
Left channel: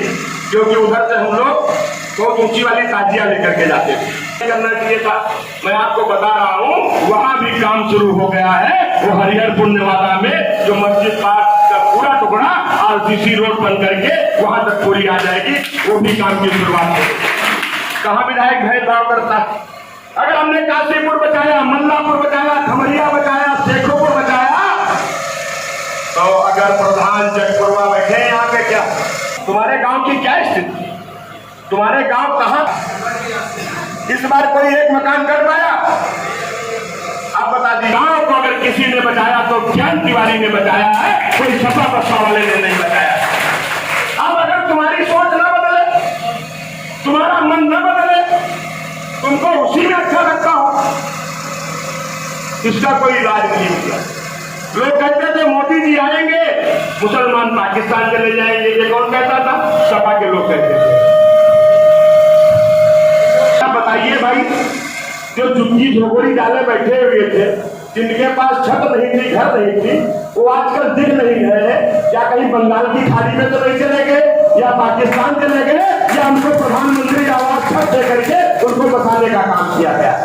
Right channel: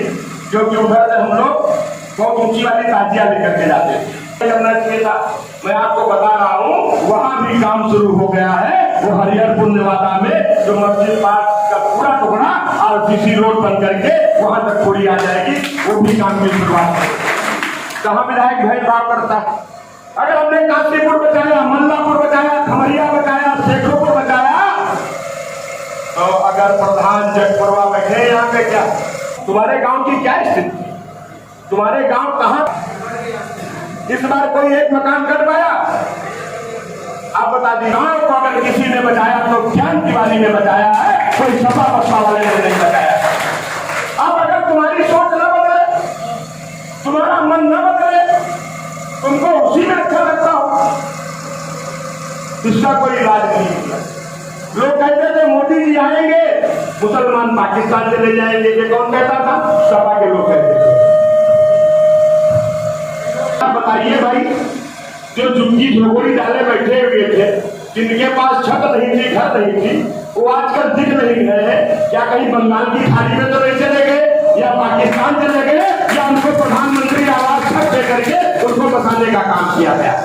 क्योंकि उधर से हम लोग बहुत ऊंची वाली ताजिया लेकर के जाते थे। करना चाहिए था। मैं आपको बता रहा हूँ वहां भी काम शुरू हो गया है। वो हरिहरपुर नेवादा में जो मस्जिद पार्क का पूरा टुकड़ा आरसीसी रोड बन करके वहां तक पूरी आ जाएगी, वो भी काम की शुरुआत है। कहाँ विधायक भेदभाव करता है? अगर हमने काशीपुर बचाया, मंडलापुर बचाया, खमरिया बचाया, शेखोपुर बचाया, तो अगर प्रधान जगपुरवा बैठे यहाँ पे, क्या तुम्हारे गांव की क्या स्थिति? तुम्हारे गांव कहाँ इस बार कोई एक मकान कर पाया? आप बता दीजिए। गांव को अगर किसी ने बचाया तो ज्ञान तिवारी ने बचाया है, कोई सपा बसपा वाले ने नहीं बचाया। अब अगर तुम्हारी सोच न बदले, तुम्हारा मन न बदले, तुमको उसी में अच्छा लगता हो, इसका कोई इलाज नहीं होगा। लोग कहते थे मोदी जी आएंगे मुसलमान पाकिस्तान चले जाएंगे, ये कौन कहता था? सपा के लोग कहते थे। बताइए भाई, जो झुग्गी झोपड़ी डाले बैठे हुए थे, जिनके पास छत नहीं थी, घर नहीं थी, वो आजकल दिख नहीं है। क्या कहीं बंगाल की खाड़ी में तो नहीं चले गए, या पाकिस्तान चले गए, या उनको प्रधानमंत्री आवास छत दे करके उनको बसाने का काम किया गया?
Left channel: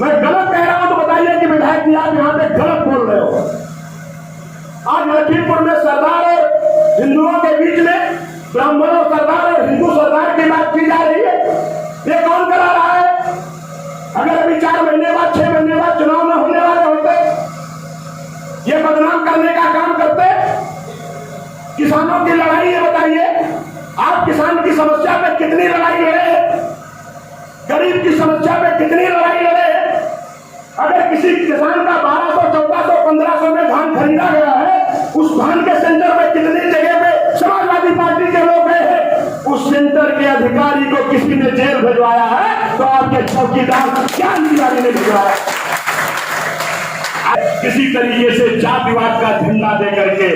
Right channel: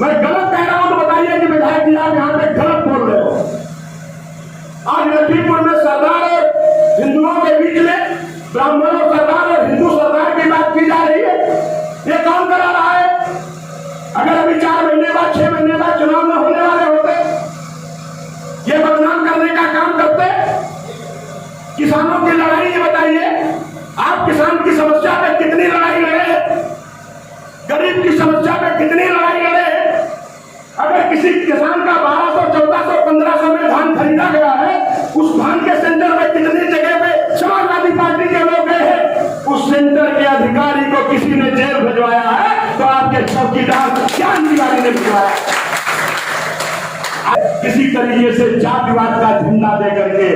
मैं गलत कह रहा हूं तो बताइए कि विधायक जी आप यहाँ पे गलत बोल रहे हो। आज लखीमपुर में सरदार और हिंदुओं के बीच में ब्राह्मणों सरदार और हिंदू सरदार की बात की जा रही है। ये कौन करा रहा है? अगर अभी 4 महीने बाद 6 महीने बाद चुनाव न होने वाले होते, ये बदनाम करने का काम करते। किसानों की लड़ाई ये बताइए, आप किसान की समस्या पे कितनी लड़ाई लड़े हैं? गरीब की समस्या पे कितनी लड़ाई लड़े हैं? अगर किसी किसान का 1200, 1400, 1500 में धान खरीदा गया है, उस धान के सेंटर में कितनी जगह पे समाजवादी पार्टी के लोग गए हैं? उस सेंटर के अधिकारी को किसी ने जेल भिजवाया है तो आपके चौकीदार ज्ञान तिवारी ने भिजवाया। किसी तरीके से जातिवाद का झंडा दे करके,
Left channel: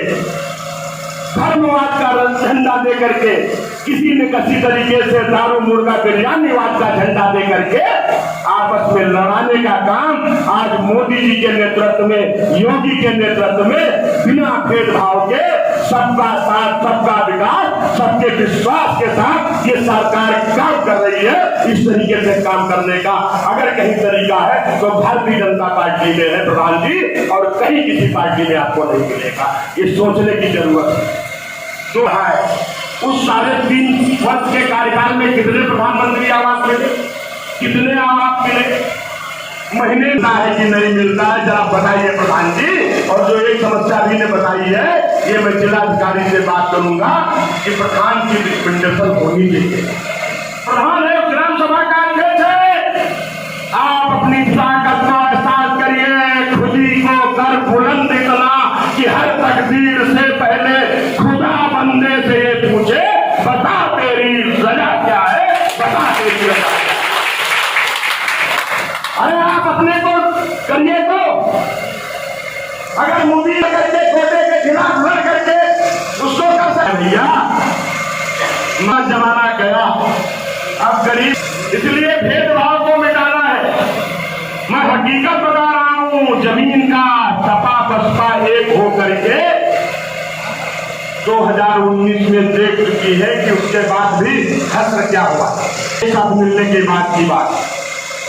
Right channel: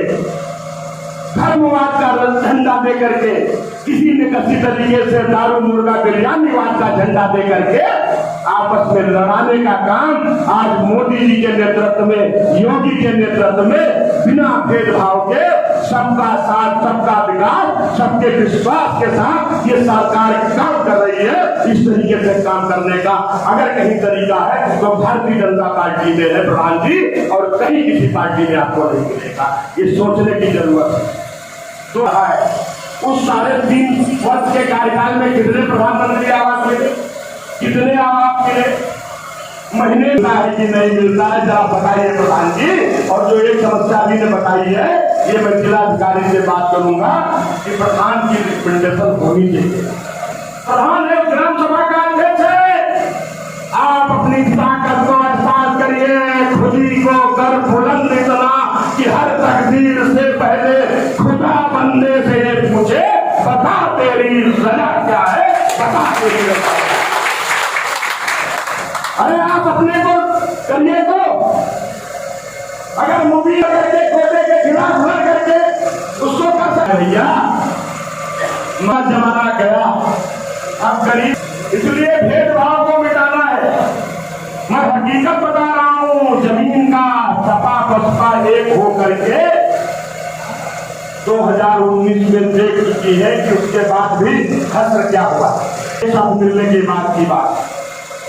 धर्मवाद का झंडा दे करके, किसी ने किसी तरीके से दारू मुर्गा बिरयानीवाद का झंडा दे करके आपस में लड़ाने का काम आज मोदी जी के नेतृत्व में, योगी के नेतृत्व में, बिना भेदभाव के सबका साथ, सबका विकास, सबके विश्वास के साथ ये सरकार काम कर रही है। इस तरीके से काम करने का अगर कहीं तरीका है तो भारतीय जनता पार्टी में है प्रधान जी, और कहीं किसी पार्टी में आपको नहीं मिलेगा। ये सोचने की जरूरत है। तो है उस 3.5 वर्ष के कार्यकाल में कितने प्रधानमंत्री आवास मिले, कितने आवास मिले? महीने मिलता है कि नहीं मिलता है, जरा बताइए प्रधान जी। और जो एक समस्या भी ने बताई है, ये मैं जिलाधिकारी से बात करूंगा कि प्रधान की रिकमेंडेशन होनी चाहिए। प्रधान है ग्राम सभा का अध्यक्ष है, आप अपनी ताकत को एहसास करिए, खुदी को बता तेरी सजा क्या है, बता तेरी सजा क्या है। अरे आप अपने को करिए तो, अगर मूवी करके खोटे के खिलाफ लड़ करके उसको कर सकते भैया, मत जमाना गया, अब गरीब, इसलिए भेदभाव को मिटाना है। मैं हकीकत बता रहा हूं, जमीन का सपा बसपा एक हो करके 2019 में देख चुकी है कि उसके बाद भी हश्र क्या हुआ, सब मिलने के बाद की बात।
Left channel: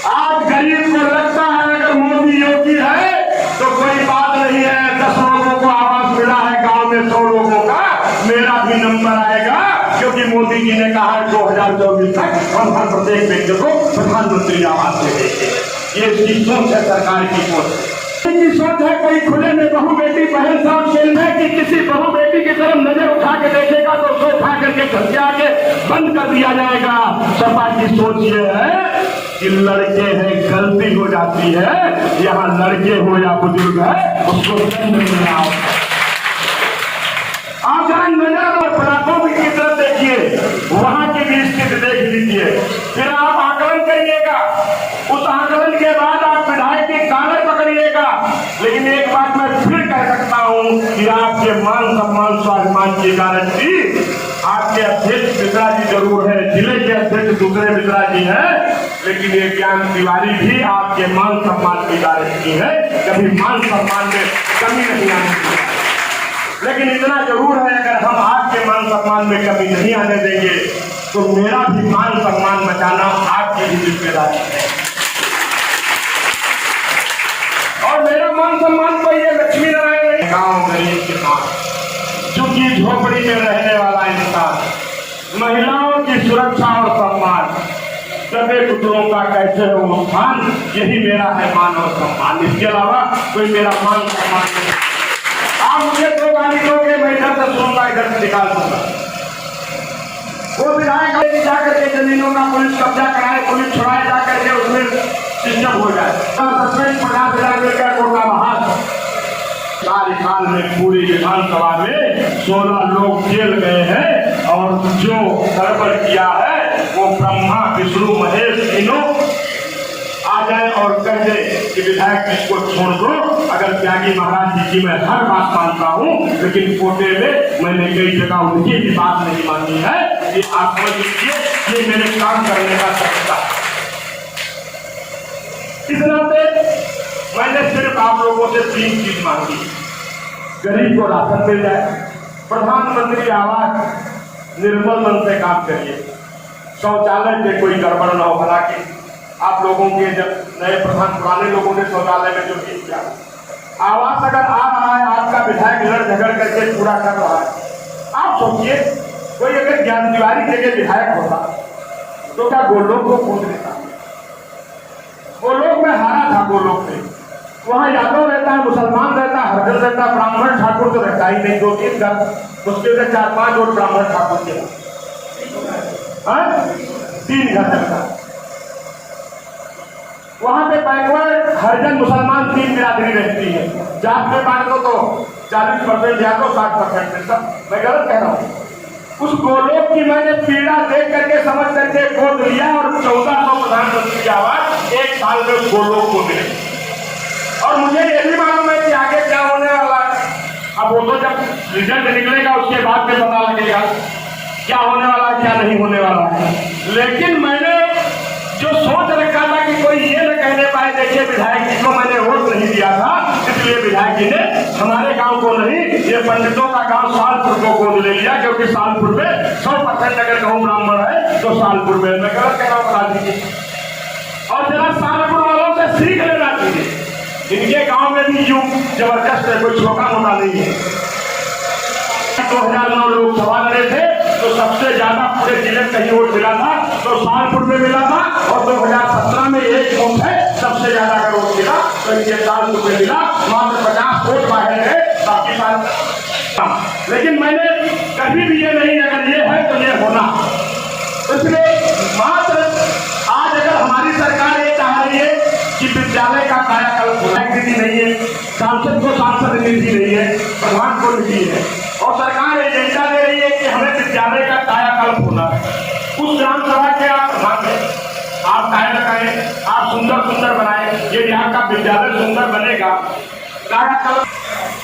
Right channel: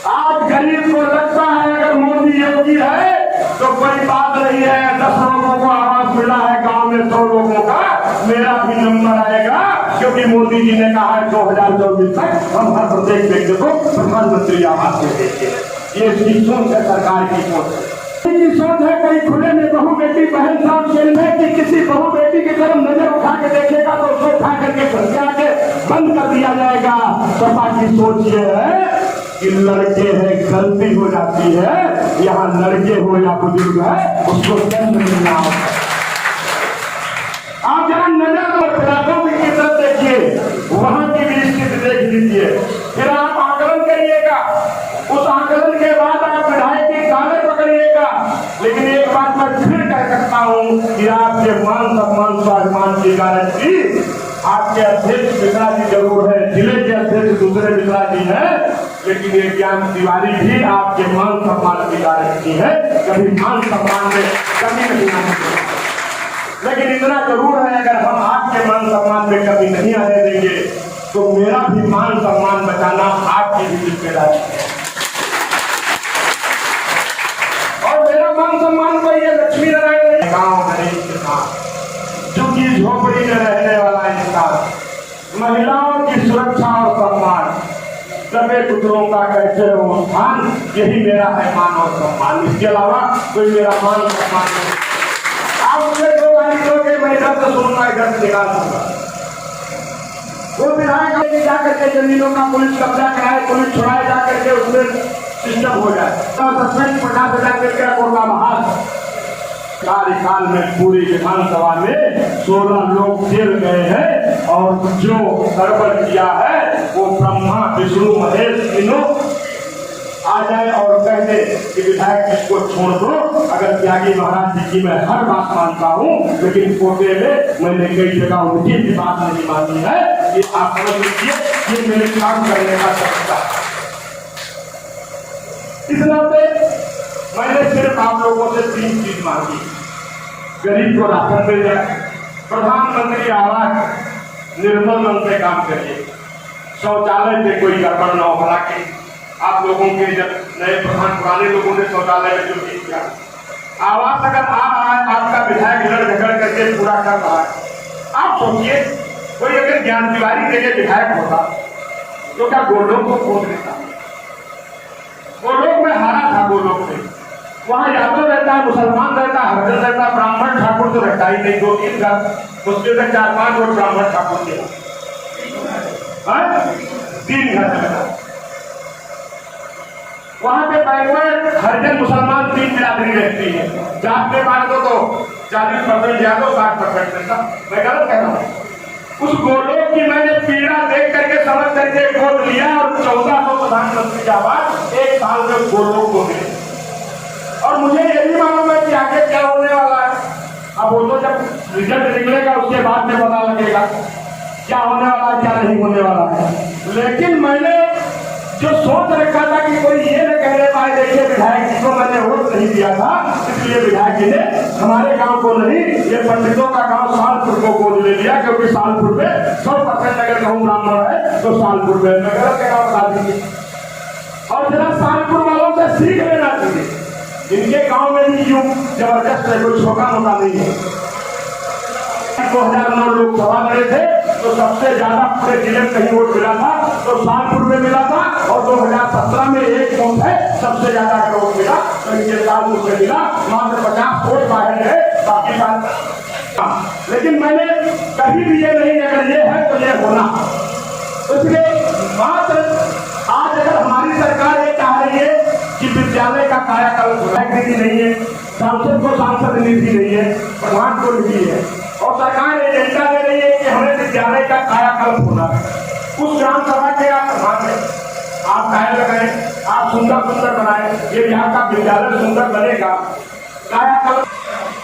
आज गरीब को लगता है अगर मोदी योगी है तो कोई बात नहीं है, 10 लोगों को आवास मिला है, गांव में 100 लोगों का मेरा भी नंबर आएगा, क्योंकि मोदी जी ने कहा है 2024 तक हम हर प्रत्येक व्यक्ति को प्रधानमंत्री आवास दे देंगे। ये इसकी सोच है, सरकार की सोच है। सोच है कोई खुले में बहू बेटी बहन साहब खेल है कि किसी बहू बेटी की तरफ नजर उठा के देखेगा तो उसको उठा करके घर के आगे बंद कर दिया जाएगा। सपा की सोच ये है कि लड़के हैं, गलती हो जाती है, यहाँ लड़के हो या बुजुर्ग है उसको दंड मिलना होता है। आप जरा नजर और पटाखों की तरफ देखिए, वहां की भी स्थिति देख लीजिए, फिर आप आकलन करिएगा, उस आकलन के बाद आप विधायक की कागज पकड़िएगा। लेकिन एक बात मैं फिर कह सकता हूं कि आपके मान सम्मान स्वाभिमान की गारंटी आपके अध्यक्ष मिश्रा जी जरूर है, जिले के अध्यक्ष दूसरे मिश्रा जी हैं, लेकिन ये ज्ञान तिवारी भी आपके मान सम्मान की गारंटी है, कभी मान सम्मान में कमी नहीं आएगी। लेकिन इतना जरूर है, अगर हम आपके मान सम्मान में कमी नहीं आने देंगे तो मेरा भी मान सम्मान बचाना आपकी भी जिम्मेदारी है। और मेरा मान सम्मान तो ये लक्ष्मी नारायण गांव गरीब किसान, झुग्गी झोपड़ी में रहने वाला इंसान, महिलाओं की सुरक्षा और सम्मान, दबे कुतरों का कैसे हो स्थान, यही मेरा है मान और सम्मान। इसके अलावा कोई मेरा मान सम्मान नहीं। आप मुझे 2 गाली दोगे, मैं इधर से सुनूंगा, इधर से निकाल दूंगा। वो विधायक जा करके जमीनों का पुलिस कब्जा कराए, पुलिस छुड़ाए, जा करके उसमें सिस्टम हो जाए, 50,000 मिलकर कोटा बहाल। कार्यकाल में पूरी विधानसभा में 16 लोग जेल गए हैं, और जो गड़बड़ किया है वो ब्रह्मा विष्णु महेश तीनों आ जाए और कह दे कि विधायक इसको छोड़ दो। अगर त्यागी महाराज जी की मैं हर बात मानता हूँ, लेकिन कोटे में मैंने कई जगह उनकी भी बात नहीं मानी है। ये आप समझ लीजिए, ये मेरे काम करने का तरीका है। इस नाते मैंने सिर्फ आप लोगों से 3 चीज मांगी, गरीब को राशन मिल जाए, प्रधानमंत्री आवास निर्मल मन से काम करिए, शौचालय में कोई गड़बड़ न हो। हालांकि आप लोगों के जब नए प्रधान पुराने लोगों ने शौचालय में जो ठीक किया, आवास अगर आ रहा है, आपका विधायक लड़ झगड़ करके पूरा कर रहा है, आप सोचिए कोई अगर ज्ञान तिवारी जगह विधायक होता तो क्या गोलोक को खोद देता? गोलोक में हारा था, गोलोक में वहां यादव रहता है, मुसलमान रहता है, हरिजन रहता है, ब्राह्मण ठाकुर तो रहता ही नहीं। 2-3 घर मुश्किल से 4-5 वोट ब्राह्मण ठाकुर के, 3 घर रहता है। वहां पे बैकवर्ड हरिजन मुसलमान 3 बिरादरी रहती है। जात में बांट दो तो 40% यादव, 60% रहता। मैं गलत कह रहा हूँ? उस गोलोक की मैंने पीड़ा देख करके समझ करके गोद लिया, और 1400 प्रधानमंत्री आवास 1 साल में गोलोक को मिले। और मुझे ये भी मालूम है कि आगे क्या होने वाला है। अब वो तो जब रिजल्ट निकलेगा उसके बाद में पता लगेगा क्या होने वाला है, क्या नहीं होने वाला है। लेकिन मैंने जो सोच रखा था कि कोई ये न कहने पाए, देखिए विधायक जी को मैंने वोट नहीं दिया था, इसलिए विधायक जी ने हमारे गांव को नहीं, ये पंडितों का गांव सालपुर को गोद ले लिया, क्योंकि सालपुर में 100% अगर कहूँ ब्राह्मण है तो सालपुर में, मैं गलत कह रहा हूँ बता दीजिए। और जरा सालपुर वालों से सीख लेना चाहिए, इनके गांव में भी यूं जबरदस्त है, कोई छोटा मोटा नहीं है। 2009 लोकसभा लड़े थे तो सबसे ज्यादा पूरे जिले में कहीं वोट मिला था तो सालपुर में मिला था, और 2017 में 1 वोट है सबसे ज्यादा का वोट मिला तो इनके सालपुर में मिला। मात्र 50 वोट बाहर है, बाकी बात। लेकिन मैंने कभी भी ये नहीं, अगर ये है तो ये होना। इसलिए मात्र आज अगर हमारी सरकार ये चाह रही है कि विद्यालय का कायाकल्प नीति नहीं है, सांसद को सांसद नीति नहीं है, प्रधान को नीति है, और सरकार एजेंडा दे रही है कि हमें विद्यालय का कायाकल्प उस ग्राम सभा के आप प्रधान हैं, आप टायर लगाए, आप सुंदर सुंदर बनाए, ये यहाँ का विद्यालय सुंदर बनेगा,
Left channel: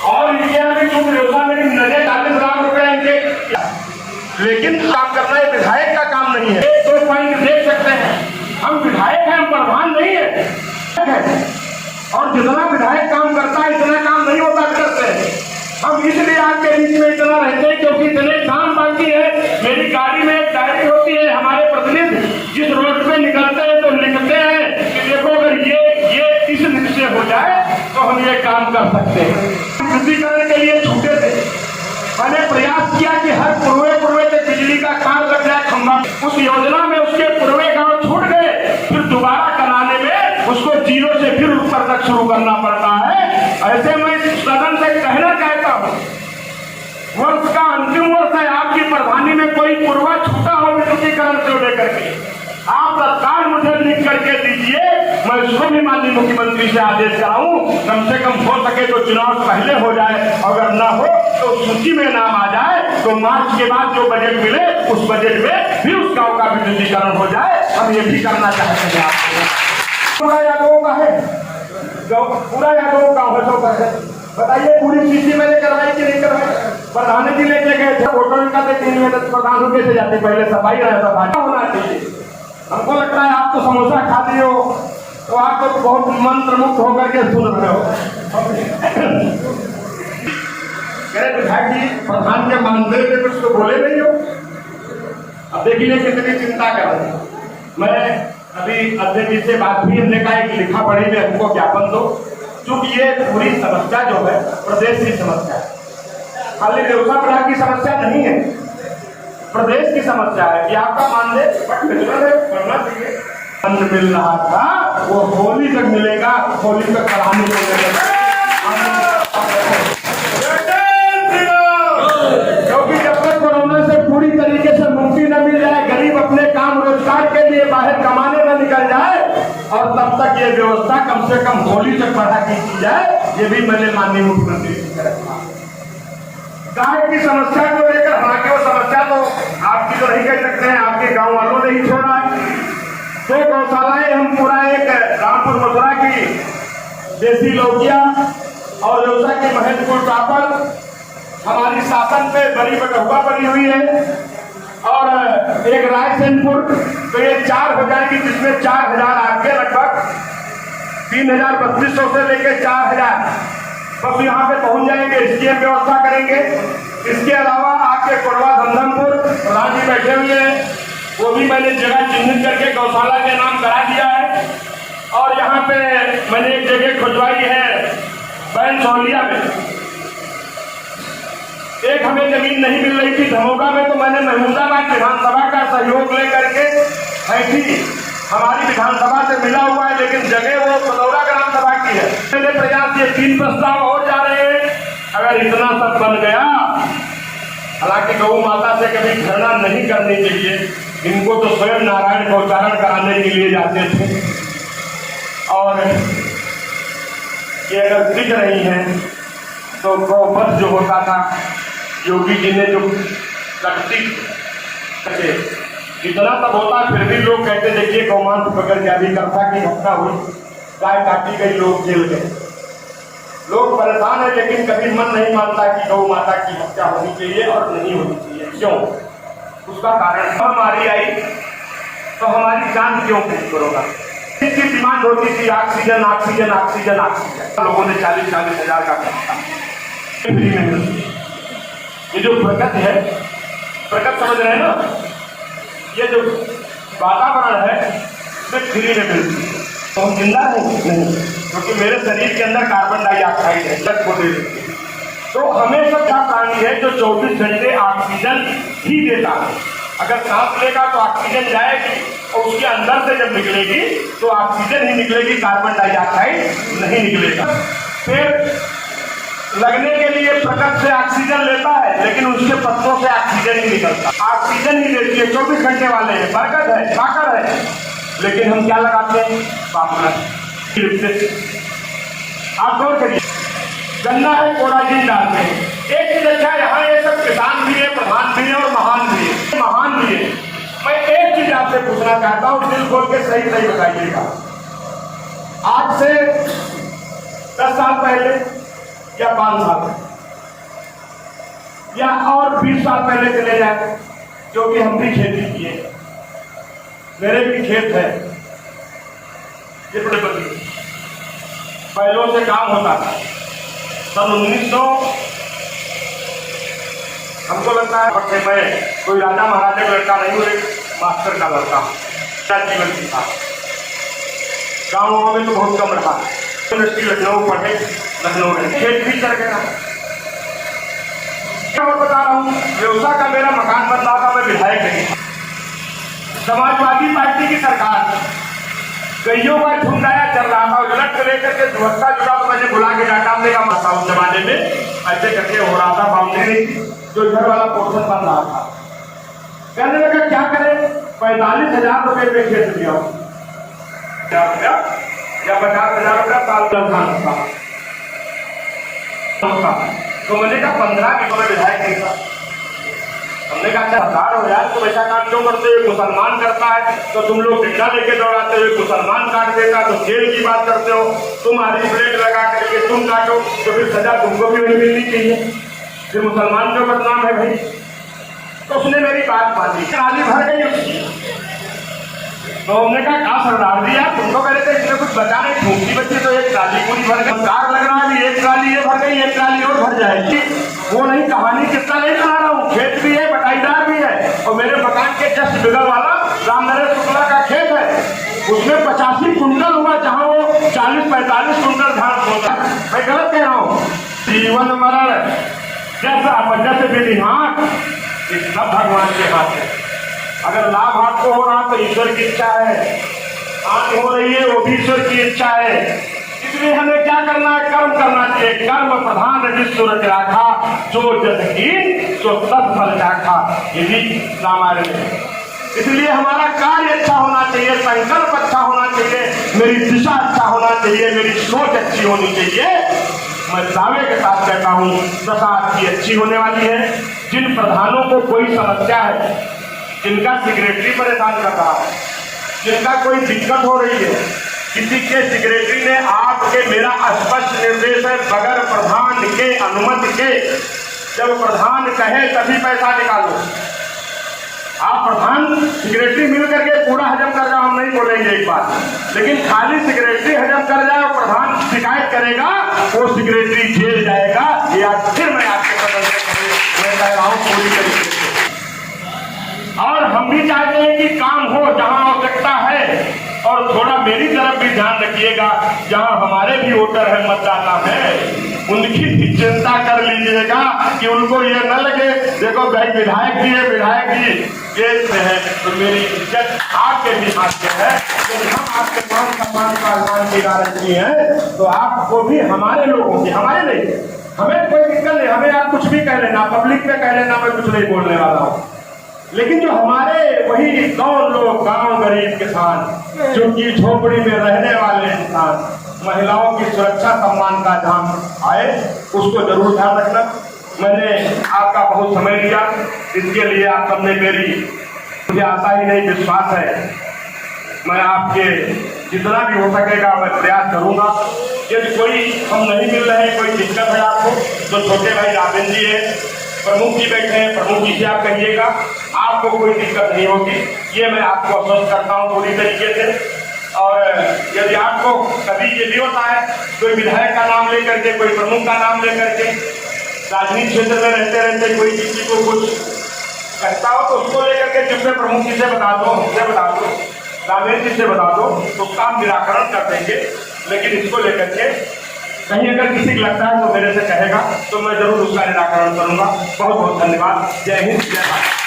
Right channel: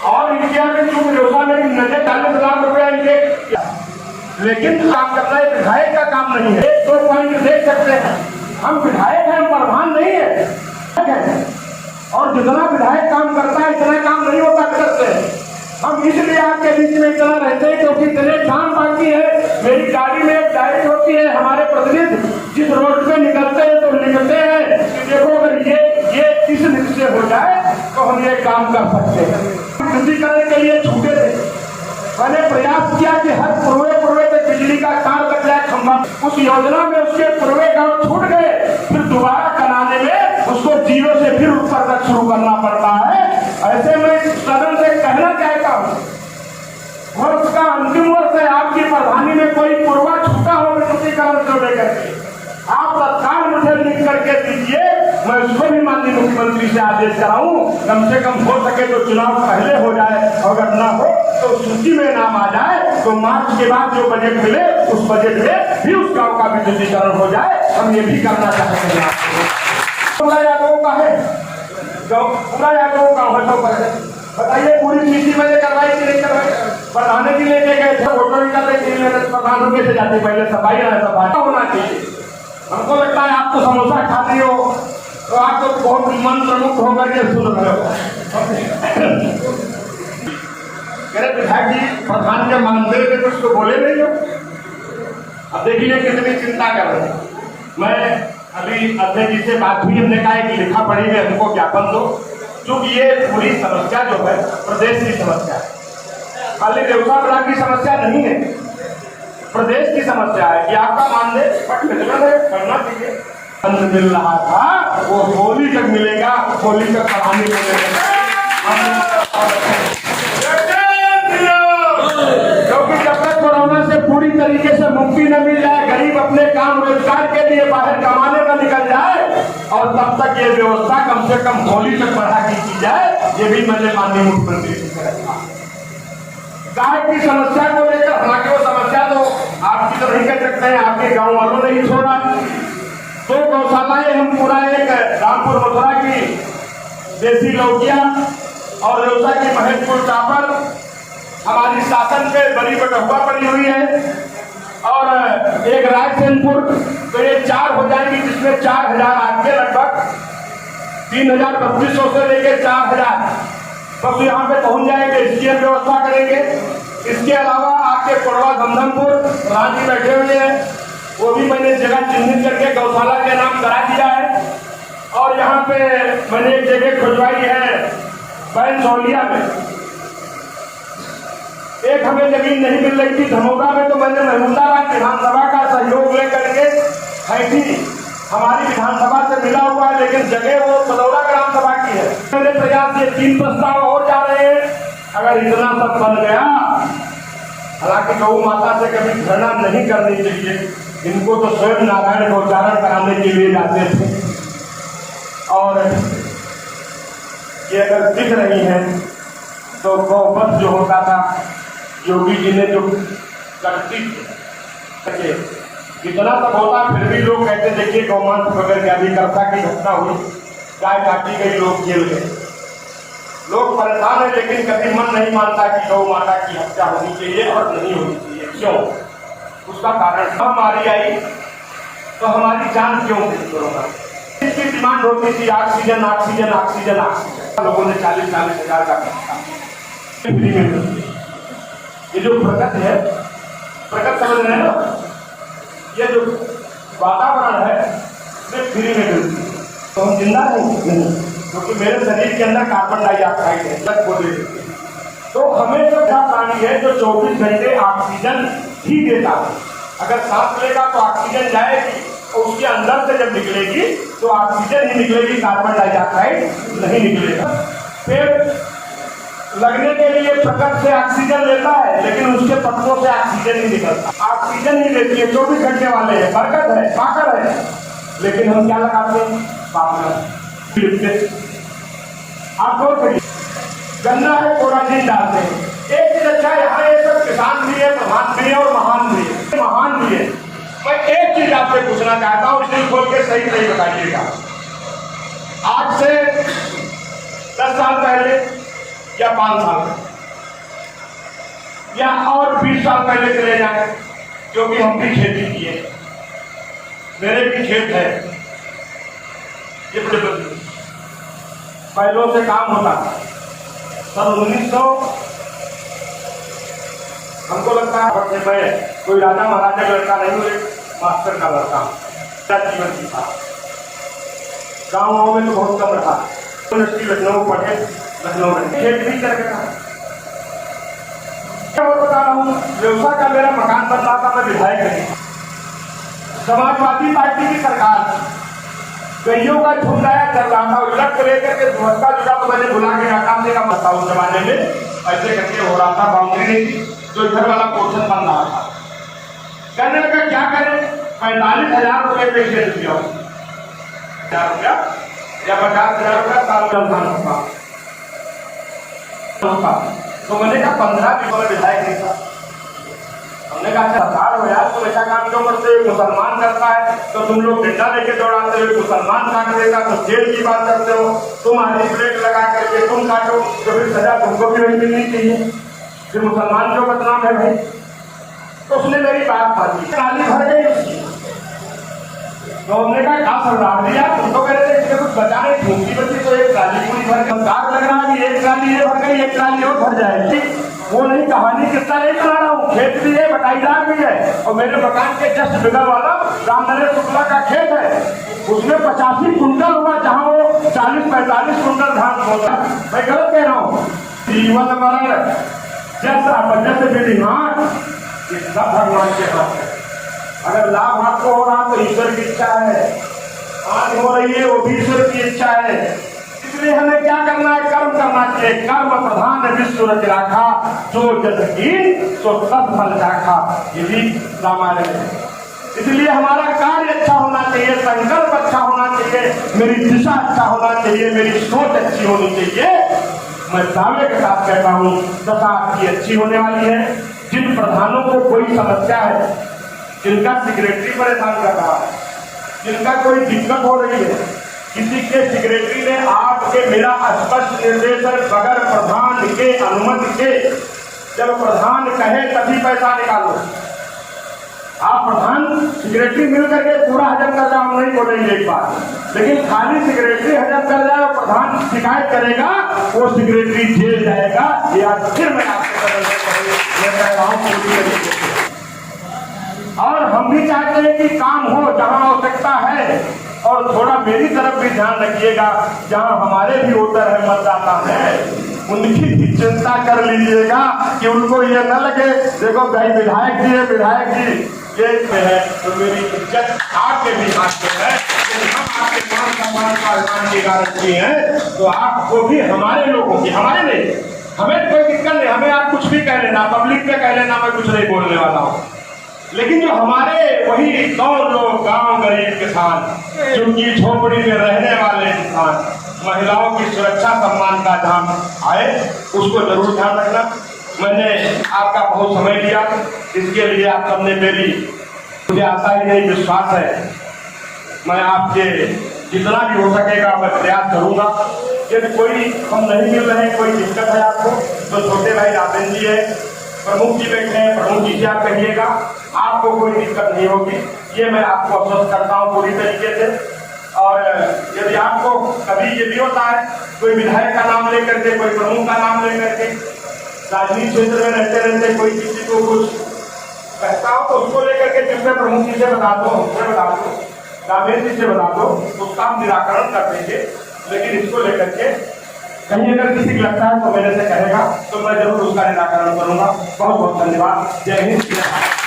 और इनके यहाँ की चूक योजना मेरी नजर 40 लाख रुपया इनके, लेकिन काम करना है विधायक का काम नहीं है। 1-2 पॉइंट देख सकते हैं, हम विधायक हैं, हम प्रधान नहीं है, और जितना विधायक काम करता है इतना काम नहीं होता करते। हम इसलिए आपके बीच में इतना रहते हैं क्योंकि इतने काम बाकी है। मेरी गाड़ी में एक डायरी होती है, हमारे प्रतिनिधि जिस रोड पे निकलते हैं तो लिखते हैं कि देखो अगर ये इस लिख से हो जाए तो हम ये काम कर सकते हैं। शुद्धिकरण के लिए छूटे थे, मैंने प्रयास किया कि हर पूर्वे से बिजली का तार लग जाए खंभा। उस योजना में उसके पूर्वे गांव छूट गए, फिर दोबारा कराने में उसको 0 से फिर ऊपर तक शुरू करना पड़ता है। ऐसे में सदन से कहना चाहता हूँ, वर्ष का अंतिम वर्ष है, आपकी प्रधानी में कोई पूर्वा छूटा हो विद्युतीकरण से लेकर के, आप तत्काल मुझे लिख करके दीजिए, मैं उसको भी माननीय मुख्यमंत्री से आदेश कराऊं, कम से कम हो सके तो चुनाव पहले हो जाए, अगर न हो तो सूची में नाम आ जाए तो मार्च के बाद जो बजट मिले उस बजट में भी उस गांव का विद्युतीकरण हो जाए। हम ये भी करना चाहते हैं। आपको पूरा यादवों का है, पूरा यादवों का है, तो बताइए पूरी सूची मैंने करवाई कि नहीं करवाई? प्रधान जी लेके गए थे, फोटो निकालते 3 महीने प्रधान हो कैसे जाते, पहले सफाई रहा होना चाहिए। हमको लगता है आप तो समोसा खाते हो तो आप तो बहुत मंत्र मुक्त होकर के सुन रहे हो। मेरे विधायक जी प्रधान के मानदेय में कुछ तो बोले नहीं हो, अब देखिए कितनी चिंता कर रहे हैं। मैं अभी अध्यक्ष जी से बात हुई, हमने कहा कि लिखा पढ़ी में हमको ज्ञापन दो, क्योंकि ये पूरी समस्या जो है प्रदेश की समस्या है, खाली देवसा विभाग की समस्या नहीं है, प्रदेश की समस्या है कि आपका मानदेय बढ़ना चाहिए। अन्न मिल रहा था वो होली तक मिलेगा, होली तक पढ़ाने को मिलेगा, क्योंकि जब तक कोरोना से पूरी तरीके से मुक्ति न मिल जाए, गरीब अपने काम रोजगार के लिए बाहर कमाने न निकल जाए, और तब तक ये व्यवस्था कम से कम होली तक बढ़ा के की जाए, ये भी मैंने माननीय मुख्यमंत्री जी से रखा। गाय की समस्या को लेकर, हालांकि वो समस्या तो आपकी तो नहीं कह सकते हैं, आपके गांव वालों ने ही छोड़ा है। 2 गौशालाएं हम पूरा, एक रामपुर मथुरा की देसी लौकिया और व्यवसा की महेशपुर चापर हमारी शासन पे बड़ी बटहुआ पड़ी हुई है, और एक रायसेनपुर, तो ये 4 हो जाएगी, जिसमें 4000 आपके लगभग 3200 से लेकर 4000 बस यहाँ पे पहुंच जाएंगे। इसकी हम व्यवस्था करेंगे। इसके अलावा आपके कोरवा धमधमपुर प्रधान जी बैठे हुए हैं, वो भी मैंने जगह चिन्हित करके गौशाला के नाम करा दिया है। और यहाँ पे मैंने एक जगह खुजवाई है बैन सौलिया में, एक हमें जमीन नहीं मिल रही थी धमोगा में, तो मैंने महमूदाबाद विधानसभा का सहयोग लेकर के हैठी हमारी विधानसभा से मिला हुआ है, लेकिन जगह वो बदौरा ग्राम सभा की है। मेरे प्रयास ये 3 प्रस्ताव और जा रहे हैं। अगर इतना सब बन गया, हालांकि गौ माता से कभी घृणा नहीं करनी चाहिए, इनको तो स्वयं नारायण को उच्चारण कराने के लिए जाते थे, और ये अगर दिख रही हैं तो गौवध जो होता था, योगी जी ने जो करती इतना तब होता, फिर भी लोग कहते देखिए गौमांस पकड़ के, अभी कर्ता की घटना हुई, गाय काटी गई, लोग जेल गए, लोग परेशान है, लेकिन कभी मन नहीं मानता कि गौ माता की हत्या होनी चाहिए और नहीं होनी चाहिए। क्यों? उसका कारण हमारी आई तो हमारी जान क्यों गई कोरोना। इसकी डिमांड होती थी ऑक्सीजन ऑक्सीजन ऑक्सीजन ऑक्सीजन, लोगों ने 40-40 हजार का खर्चा फ्री में मिलती है। ये जो प्रगति है, प्रगति समझ रहे हैं ना, ये जो वातावरण है इसमें फ्री में मिलती है, तो हम जिंदा नहीं, क्योंकि मेरे शरीर के अंदर कार्बन डाइऑक्साइड है, लग को दे देती है। तो हमें सब प्राणी है जो 24 घंटे ऑक्सीजन ही देता है। अगर सांस लेगा तो ऑक्सीजन जाएगी, और उसके अंदर से जब निकलेगी तो ऑक्सीजन ही निकलेगी, कार्बन डाइऑक्साइड नहीं निकलेगा। फिर लगने के लिए प्रकृति से ऑक्सीजन लेता है, लेकिन उसके पत्तों से ऑक्सीजन ही निकलता, ऑक्सीजन ही देती है। 24 घंटे वाले हैं, बरकत है, पाकर है, लेकिन हम क्या लगाते हैं? पापड़। आप गौर करिए, गन्ना है, कोराजीन डालते हैं। एक चीज अच्छा, यहाँ ये सब किसान भी है, प्रधान भी है और महान भी है, महान भी है। मैं एक आपसे पूछना चाहता हूं, दिल खोल के सही सही बताइएगा। आज से 10 साल पहले या 5 साल पहले या और 20 साल पहले चले जाए, जो कि हम भी खेती किए, मेरे भी खेत है, ये पहलों से काम होता था। सन 1900 हमको लगता है बच्चे मैं कोई राजा महाराजा का लड़का नहीं हूँ, एक मास्टर का लड़का हूँ। मेरा जीवन भी था, गाँव में तो बहुत कम रहा। लखनऊ पढ़े, लखनऊ में खेत भी चल गया। और बता रहा हूँ, व्यवसाय का मेरा मकान बन रहा था, मैं विधायक नहीं था। समाजवादी पार्टी की सरकार कईयों का झुंड आया चल रहा था, उलट को लेकर के व्यवस्था जुड़ा तो मैंने बुला के हटाने का मत था। उस जमाने में ऐसे करके हो रहा था, बाउंड्री नहीं थी, जो इधर वाला पोर्शन बन रहा था। कहने लगा क्या करें, 45,000 रुपए पे खेत दिया, 1,000 रुपया या 50,000 रुपया साल का धान होता। तो मैंने कहा 15 बीघों में विधायक नहीं था। हमने कहा सरदार हो यार, तुम ऐसा काम क्यों करते हो, मुसलमान करता है तो तुम लोग डंडा लेके दौड़ाते हुए, मुसलमान काट देगा तो जेल की बात करते हो, तुम आधी ब्रेक लगा करके तुम काटो तो फिर सजा तुमको भी वही मिलनी चाहिए, फिर मुसलमान क्यों बदनाम है भाई। तो उसने मेरी बात मानी, ट्राली भर गई उसकी। तो हमने कहा सरदार जी यार, तुम तो कह रहे थे इसमें कुछ बचा नहीं, फूंकी बच्ची तो एक ट्राली पूरी भर गई। कार लग रहा है, एक ट्राली ये भर गई, एक ट्राली और भर जाएगी। वो नहीं, कहानी किस्सा नहीं सुना रहा हूँ, खेत भी है, बटाईदार भी है, और मेरे मकान के जस्ट बगल वाला रामनरेश शुक्ला का खेत है, उसमें 85 कुंटल हुआ, जहाँ वो 40-45 कुंटल धान होता। मैं गलत कह रहा हूँ? जीवन मरण जैसे विधिहार इस सब भगवान के हाथ है। अगर लाभ आपको हो रहा तो ईश्वर की इच्छा है, हानि हो रही है वो भी ईश्वर की इच्छा है। इसलिए हमें क्या करना है, कर्म करना चाहिए। कर्म प्रधान विश्व रखा, जो जस की सो सब फल चाखा, ये भी रामायण है। इसलिए हमारा कार्य अच्छा होना चाहिए, संकल्प अच्छा होना चाहिए, मेरी दिशा अच्छा होना चाहिए, मेरी सोच अच्छी होनी चाहिए। मैं दावे के साथ कहता हूँ दशा आपकी अच्छी होने वाली है। जिन प्रधानों को कोई समस्या है, जिनका सेक्रेटरी परेशान कर रहा है, जिनका कोई दिक्कत हो रही है, किसी के सेक्रेटरी ने आपके, मेरा स्पष्ट निर्देश है, बगैर प्रधान के अनुमति के, जब प्रधान कहे तभी पैसा निकालो। आप प्रधान सेक्रेटरी मिल करके पूरा हजम कर जाओ, हम नहीं बोलेंगे एक बात, लेकिन खाली सेक्रेटरी हजम कर जाए और प्रधान शिकायत करेगा, वो सेक्रेटरी जेल जाएगा। ये आज फिर मैं आपके बदल कह रहा हूँ पूरी तरीके से। और हम भी चाहते हैं कि काम हो जहां आवश्यकता है, और थोड़ा मेरी तरफ भी ध्यान रखिएगा, जहां हमारे भी वोटर है, मतदाता है, उनकी भी चिंता कर लीजिएगा कि उनको ये न लगे देखो भाई विधायक जी है, विधायक जी जेल में है, तो मेरी इज्जत आपके भी हाथ में है। यदि हम आपके मान सम्मान का अभिमान की गारंटी है, तो आपको भी हमारे लोगों की, हमारे नहीं, हमें कोई दिक्कत नहीं, हमें आप कुछ भी कह लेना, पब्लिक पे कह लेना, मैं कुछ नहीं बोलने वाला हूँ। लेकिन जो हमारे वही 9 लोग, गांव गरीब किसान, जिनकी झोपड़ी में रहने वाले किसान, महिलाओं की सुरक्षा सम्मान का जहाँ आए, उसको जरूर ध्यान रखना। मैंने आपका बहुत समय लिया, इसके लिए आप सबने मुझे आशा ही नहीं विश्वास है, मैं आपके जितना भी हो सकेगा मैं प्रयास करूंगा। यदि कोई हम नहीं मिल रहे, कोई दिक्कत है आपको, तो छोटे भाई राजेंद्र जी है, प्रमुख जी बैठे हैं, प्रमुख जी से आप कहिएगा, आपको कोई दिक्कत नहीं होगी, ये मैं आपको आश्वस्त करता हूँ पूरी तरीके से। और यदि आपको कभी ये भी होता है, कोई विधायक का नाम लेकर के, कोई प्रमुख का नाम लेकर के, राजनीतिक क्षेत्र में रहते रहते कोई किसी को कुछ कहता हो, तो उसको लेकर के जिससे प्रमुख जी से बता दो, हमसे बता दो, रामेश जी से बता दो, तो उसका निराकरण कर देंगे। लेकिन इसको लेकर के कहीं अगर किसी को लगता है तो मेरे से कहेगा, तो मैं जरूर उसका निराकरण करूंगा। बहुत बहुत धन्यवाद। जय हिंद, जय भारत।